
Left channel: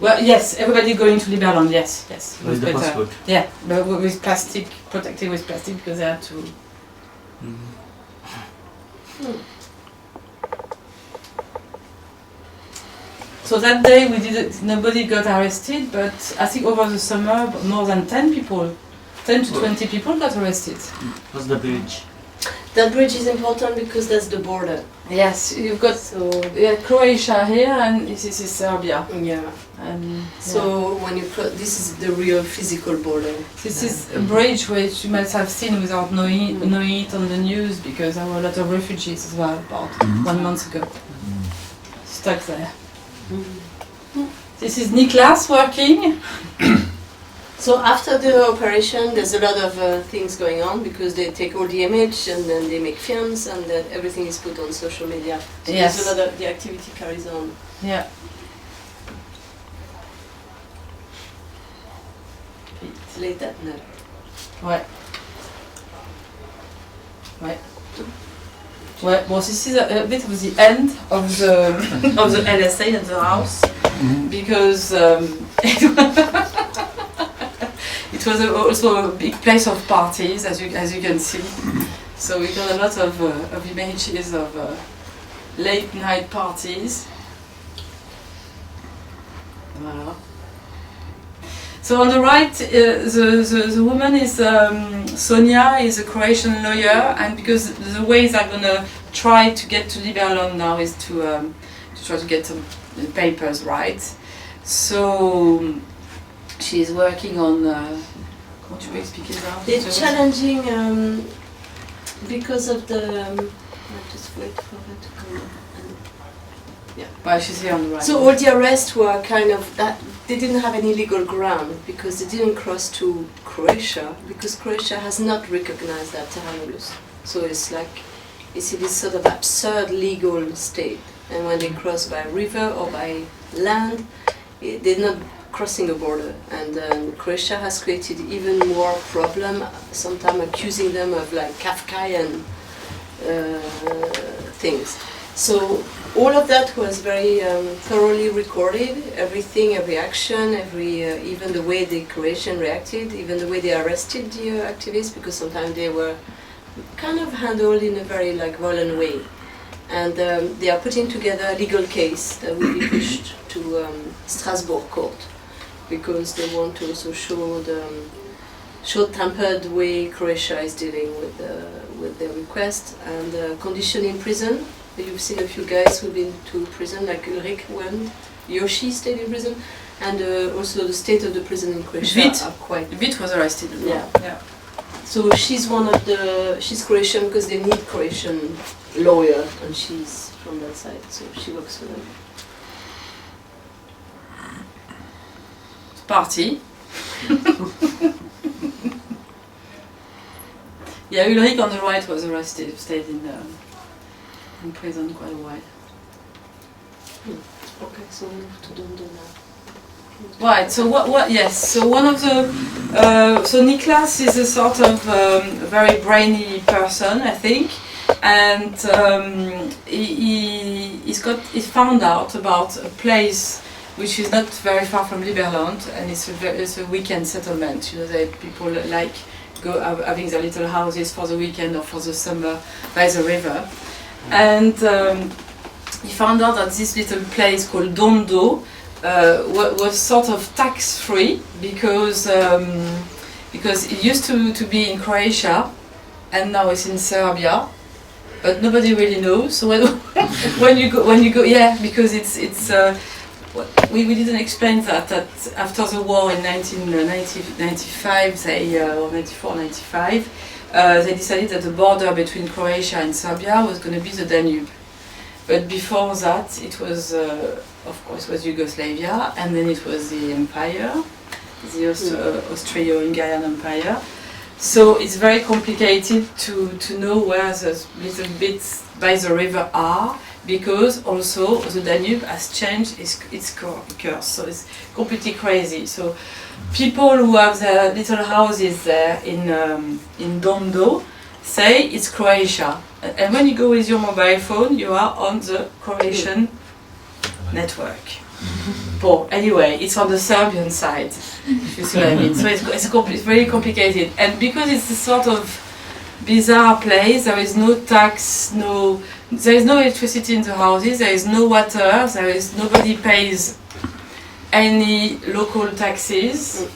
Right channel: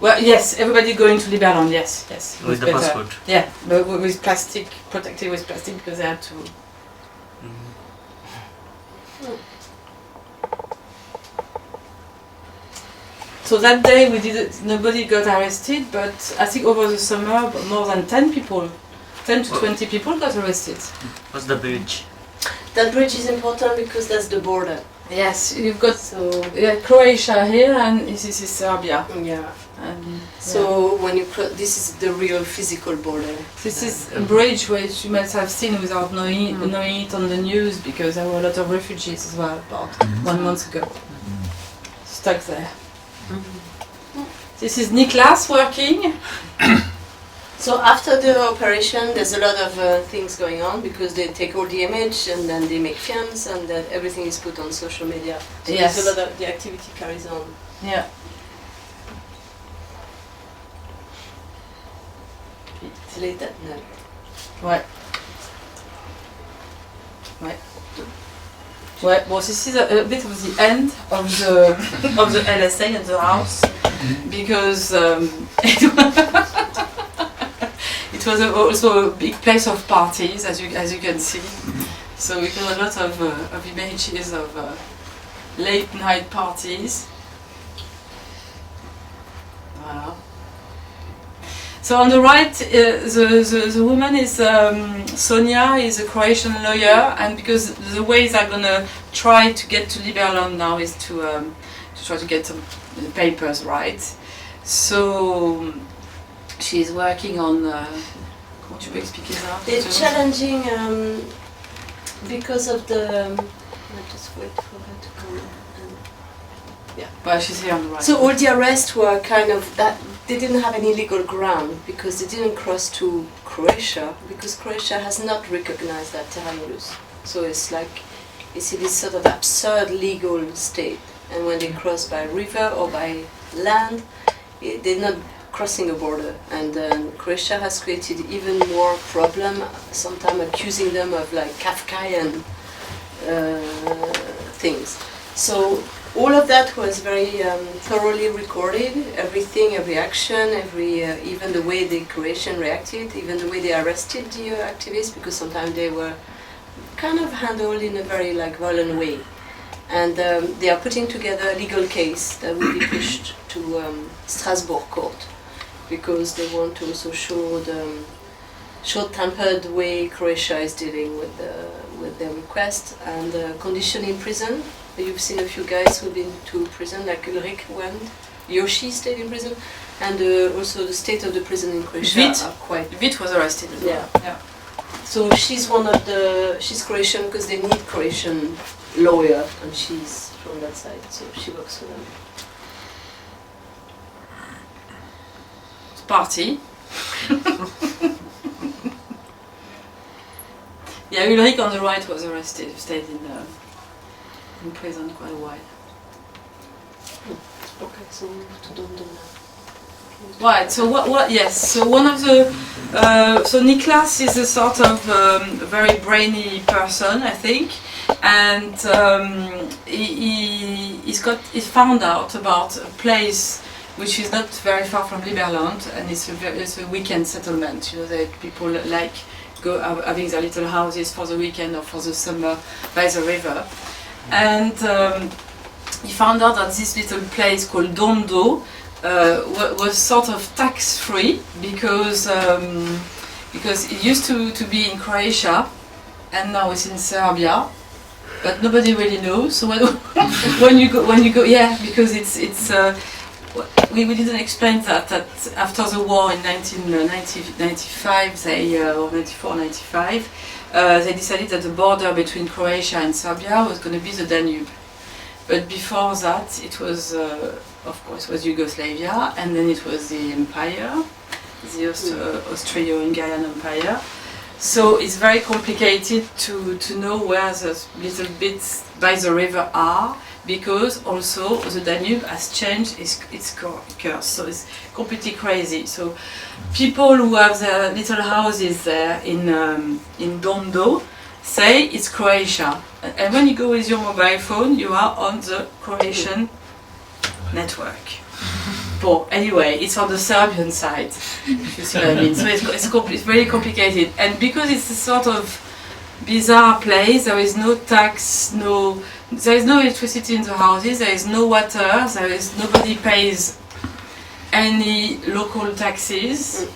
Well, yes, everybody going to Liberland. Yes. It was With the better. passport? Yeah, but with plastic, protected with plastic because they had to. So that day nobody got arrested, but I think over the summer more than 10 people, 10 to 20 people got arrested. What's the bridge? That bridge is important because that's the border. Yes, you've got So Croatia here, and this is Serbia. yeah. And So when you this is the real physical border. this is a bridge which you might have seen without knowing it on the news, because there were a lot of refugees as well about 1 month ago. Stuck there. This is Niklas working. So after the operation, there's a lot of things going on because they take all the image and then they make films and then everything is put on social media. So Yes. there's a lot of the activity carries on. Yeah. It's late at night. Ouais. Ouais. Ouais. Well, this is a bit of the end of the LSA and the house, because it was also a big place of parties, as you can see. So we got a lot of images of late night parties. Voilà. So on the right, the woman is Sonia, is a Croatian lawyer, and because the ways I'm gonna try to get to Liberland now is to try to get some papers right. So she's working on. Comment tu peux expliquer ça? They're challenging because of the. I just wait for her to come. But she's here on the right. So all the arrests were kind of that they didn't have any legal ground because they didn't cross to Croatia because Croatia has not recognized that terra nullius. So it's like it's in this sort of absurd legal state. And when they cross by river or by land, they're not crossing a border. And Croatia has created even more problem. Sometimes accusing them of like Kafkaian things. So all of that was very thoroughly recorded. Everything, every action, even the way the Croatian reacted, even the way they arrested the activists, because sometimes they were kind of handled in a very like violent way. And they are putting together a legal case that will be pushed to Strasbourg court because they want to also show the short-tempered way Croatia is dealing with their request and condition in prison. You've seen a few guys who've been to prison, like Ulrich went, Yoshi stayed in prison, and also the state of the prison in Croatia are quite... Vit was arrested as well. Yeah. So she's she's Croatian because they need Croatian lawyer, and she's from that side, so she works for them. Party. Yeah, Ulrich on the right was arrested, stayed in prison quite a while. Okay, so we move to Dondo now. Right, so what yes, so one of the, so Niklas is a sort of very brainy person, I think, and he found out about a place which is not very far from Liberland, and it's a weekend settlement, you know, that people like go having their little houses for the weekend or for the summer by the river, and he found out that this little place called Dondo was sort of tax-free because it used to be in Croatia and now it's in Serbia, but nobody really knows. So when you go, yeah, because it's we didn't explain that after the war in 1995, or 94, 95, they decided that the border between Croatia and Serbia was going to be the Danube. But before that, it was, of course, was Yugoslavia, and then it was the Empire, the Austro-Hungarian Empire. So it's very complicated to know where the little bits by the river are, because also the Danube has changed its course, so it's completely crazy. So people who have their little houses there in Dondo say it's Croatia, and when you go with your mobile phone, you are on the Croatian network. But anyway, it's on the Serbian side, if you see what I mean. So it's very complicated, and because it's a sort of bizarre place, there is no tax, there is no electricity in the houses, there is no water, nobody pays any local taxes.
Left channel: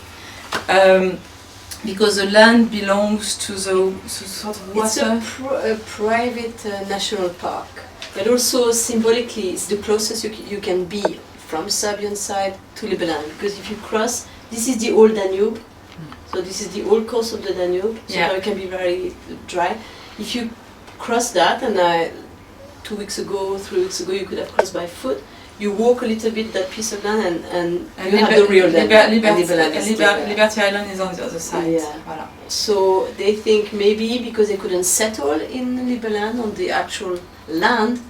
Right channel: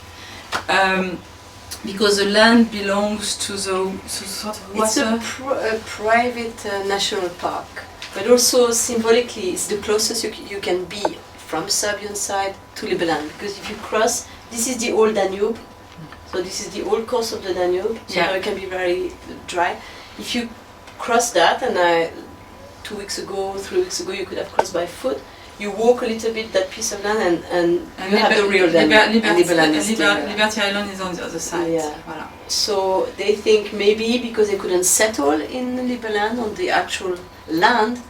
Because the land belongs to the sort of water. It's a private national park, but also symbolically, it's the closest you can be from Serbian side to Liberland. Because if you cross, this is the old Danube, so this is the old course of the Danube, so now it can be very dry. If you cross that, and 3 weeks ago, you could have crossed by foot. You walk a little bit that piece of land and you have the real land. Liberty Island is on the other side. Yeah. Voilà. So they think maybe because they couldn't settle in Liberland on the actual land,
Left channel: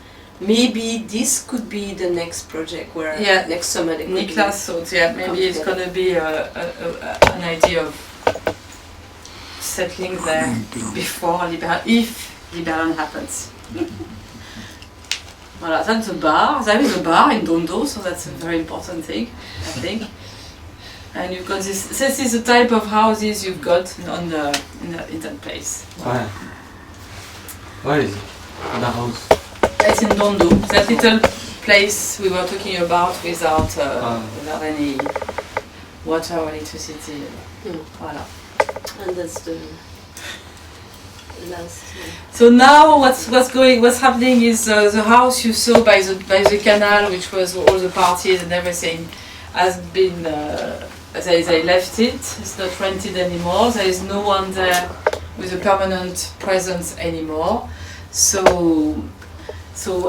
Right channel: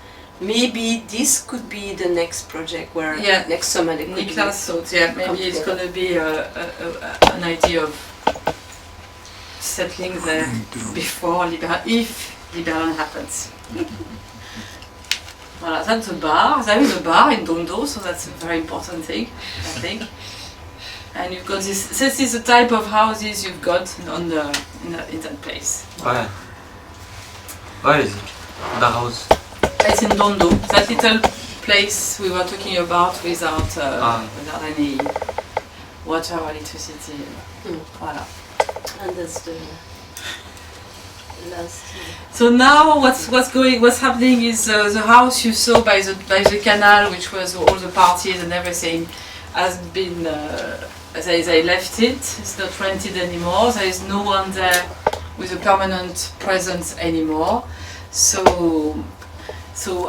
maybe this could be the next project where next summer they could Niklas thought, maybe it's going to be an idea of settling there before Liberland, if Liberland happens. Voilà, that's a bar. There is a bar in Dondo, so that's a very important thing, I think. And you've got this is the type of houses you've got in that place. Where is it? The house? It's in Dondo, that little place we were talking about without any water or electricity. Voilà. And that's the last. So now what's happening is the house you saw by the canal, which was all the parties and everything, has been they left it. It's not rented anymore. There is no one there with a permanent presence anymore. So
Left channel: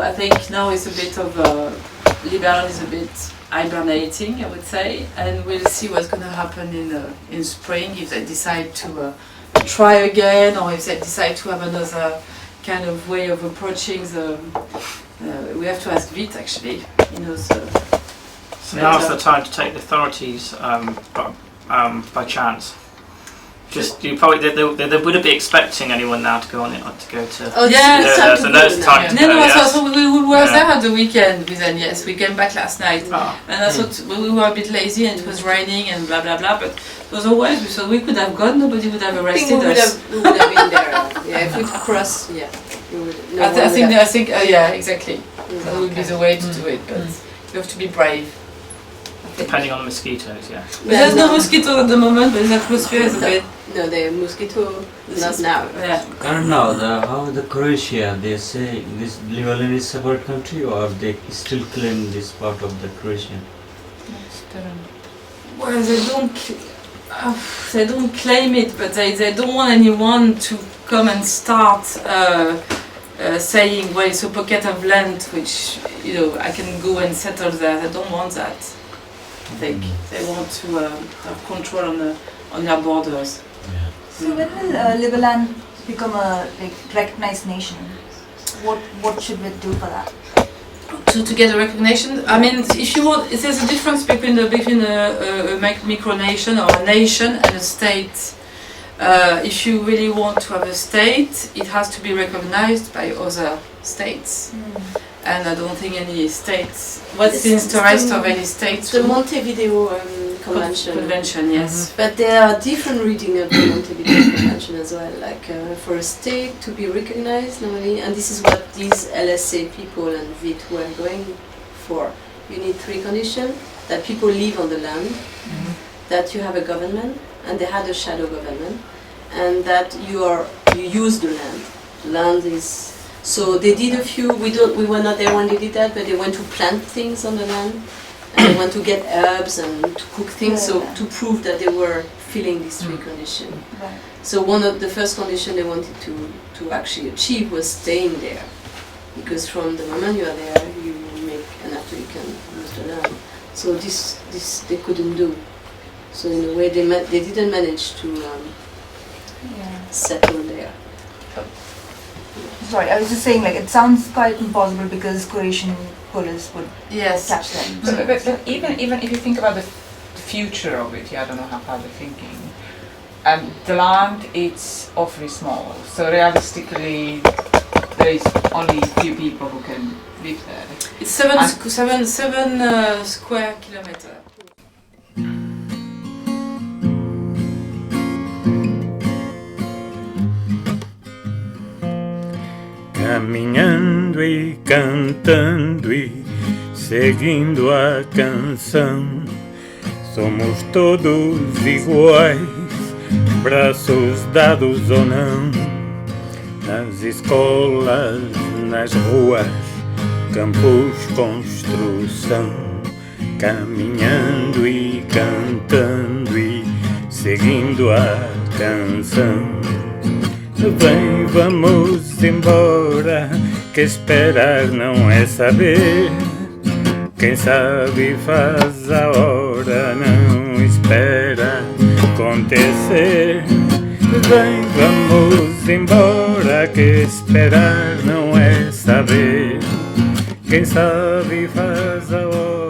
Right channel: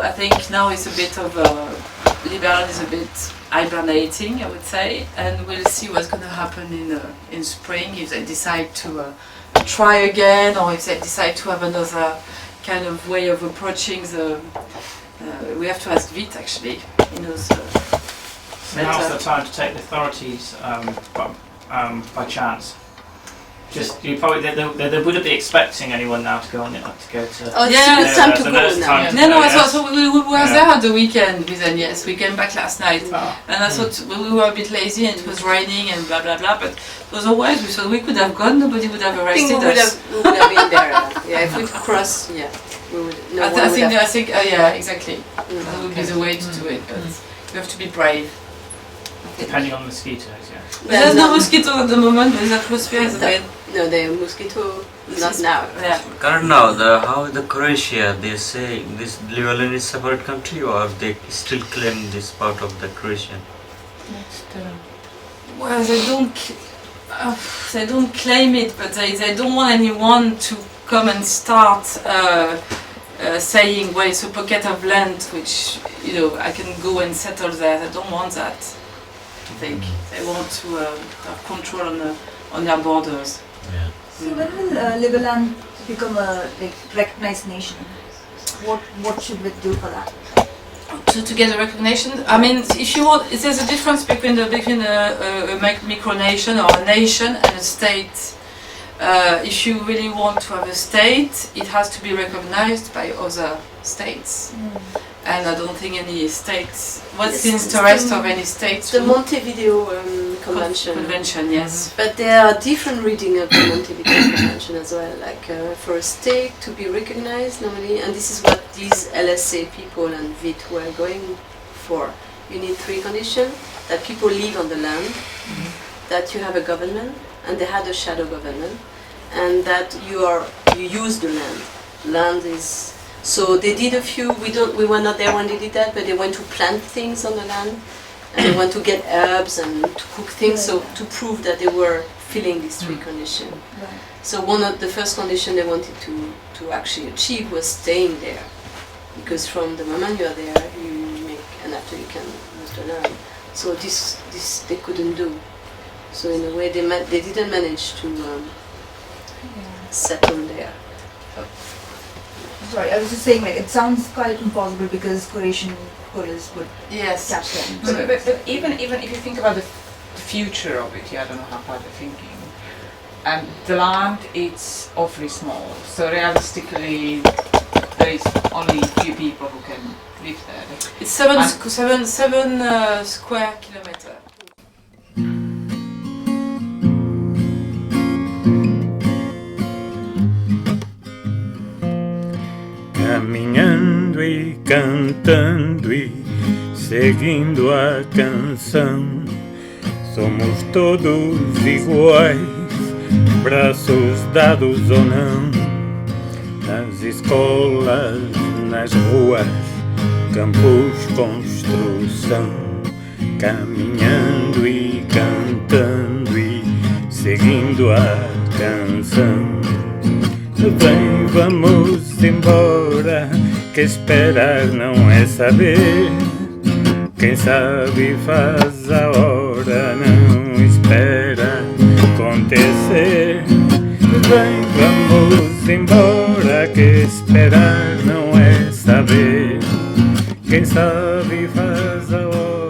I think now it's a bit of Liberland is a bit hibernating, I would say, and we'll see what's going to happen in spring if they decide to try again, or if they decide to have another kind of way of approaching the. We have to ask Vite actually. He knows. So now's the time to take the authorities by chance. Just you probably they wouldn't be expecting anyone now to go on it to go to. Oh, yeah, it's time to go now. So we were there at the weekend with Agnes. We came back last night, and I thought we were a bit lazy and it was raining and blah blah blah. But it was always we thought we could have gone. Nobody would have arrested us. We would have been there. Yeah, if we cross, yeah, we would. I think, yeah, exactly. That would be the way to do it, but you have to be brave. Depending on the mosquitoes, yeah. But there's no mosquito at the moment, but the atmosphere is a bit. No, the mosquito not now. Yeah. Current now, how the Croatia, they say this Liberland is separate country, or they still claim this part of the Croatian? Well, they don't claim it, but they don't want anyone to come and start saying, well, it's a pocket of land which, I can go and settle there. They don't want that. I think they want to have control on their borders. Yeah. So when will Liberland become a recognized nation? What should we do for that? To get a recognition, I mean, if you want, there's a difference between a micronation or a nation and a state. If you really want to have a state, it has to be recognized by other states. And I don't think any states. What's the interest of any states? The Montevideo Convention. Yes. But there are different reading of the Montevideo Convention as well. Like for a state to be recognized normally, and this is what these LSA people and Vite were going for. You need 3 conditions: that people live on the land, that you have a government, and they had a shadow government, and that you use the land. Land is. So they did a few. We were not there when they did that, but they went to plant things on the land, and they went to get herbs and to cook things. So to prove that they were filling these 3 conditions. Right. So one of the first conditions they wanted to actually achieve was staying there, because from the moment you are there, you make, and after you can use the land. So this they couldn't do. So in a way they didn't manage to settle there. Sorry, I was just saying, it sounds quite impossible because Croatian police would catch them. But even if you think about the future of it, I don't know how far they're thinking. The land is awfully small, so realistically, there is only a few people who can live there. It's 7 square kilometers. Caminhando e cantando e seguindo a canção, somos todos iguais, braços dados ou não, nas escolas, nas ruas, campos, construção, caminhando e cantando e seguindo a canção. Bem, vamos embora, que esperar não é saber. Quem sabe faz a hora, não espera acontecer. Bem, vamos embora, que esperar não é saber. Quem sabe faz a hora.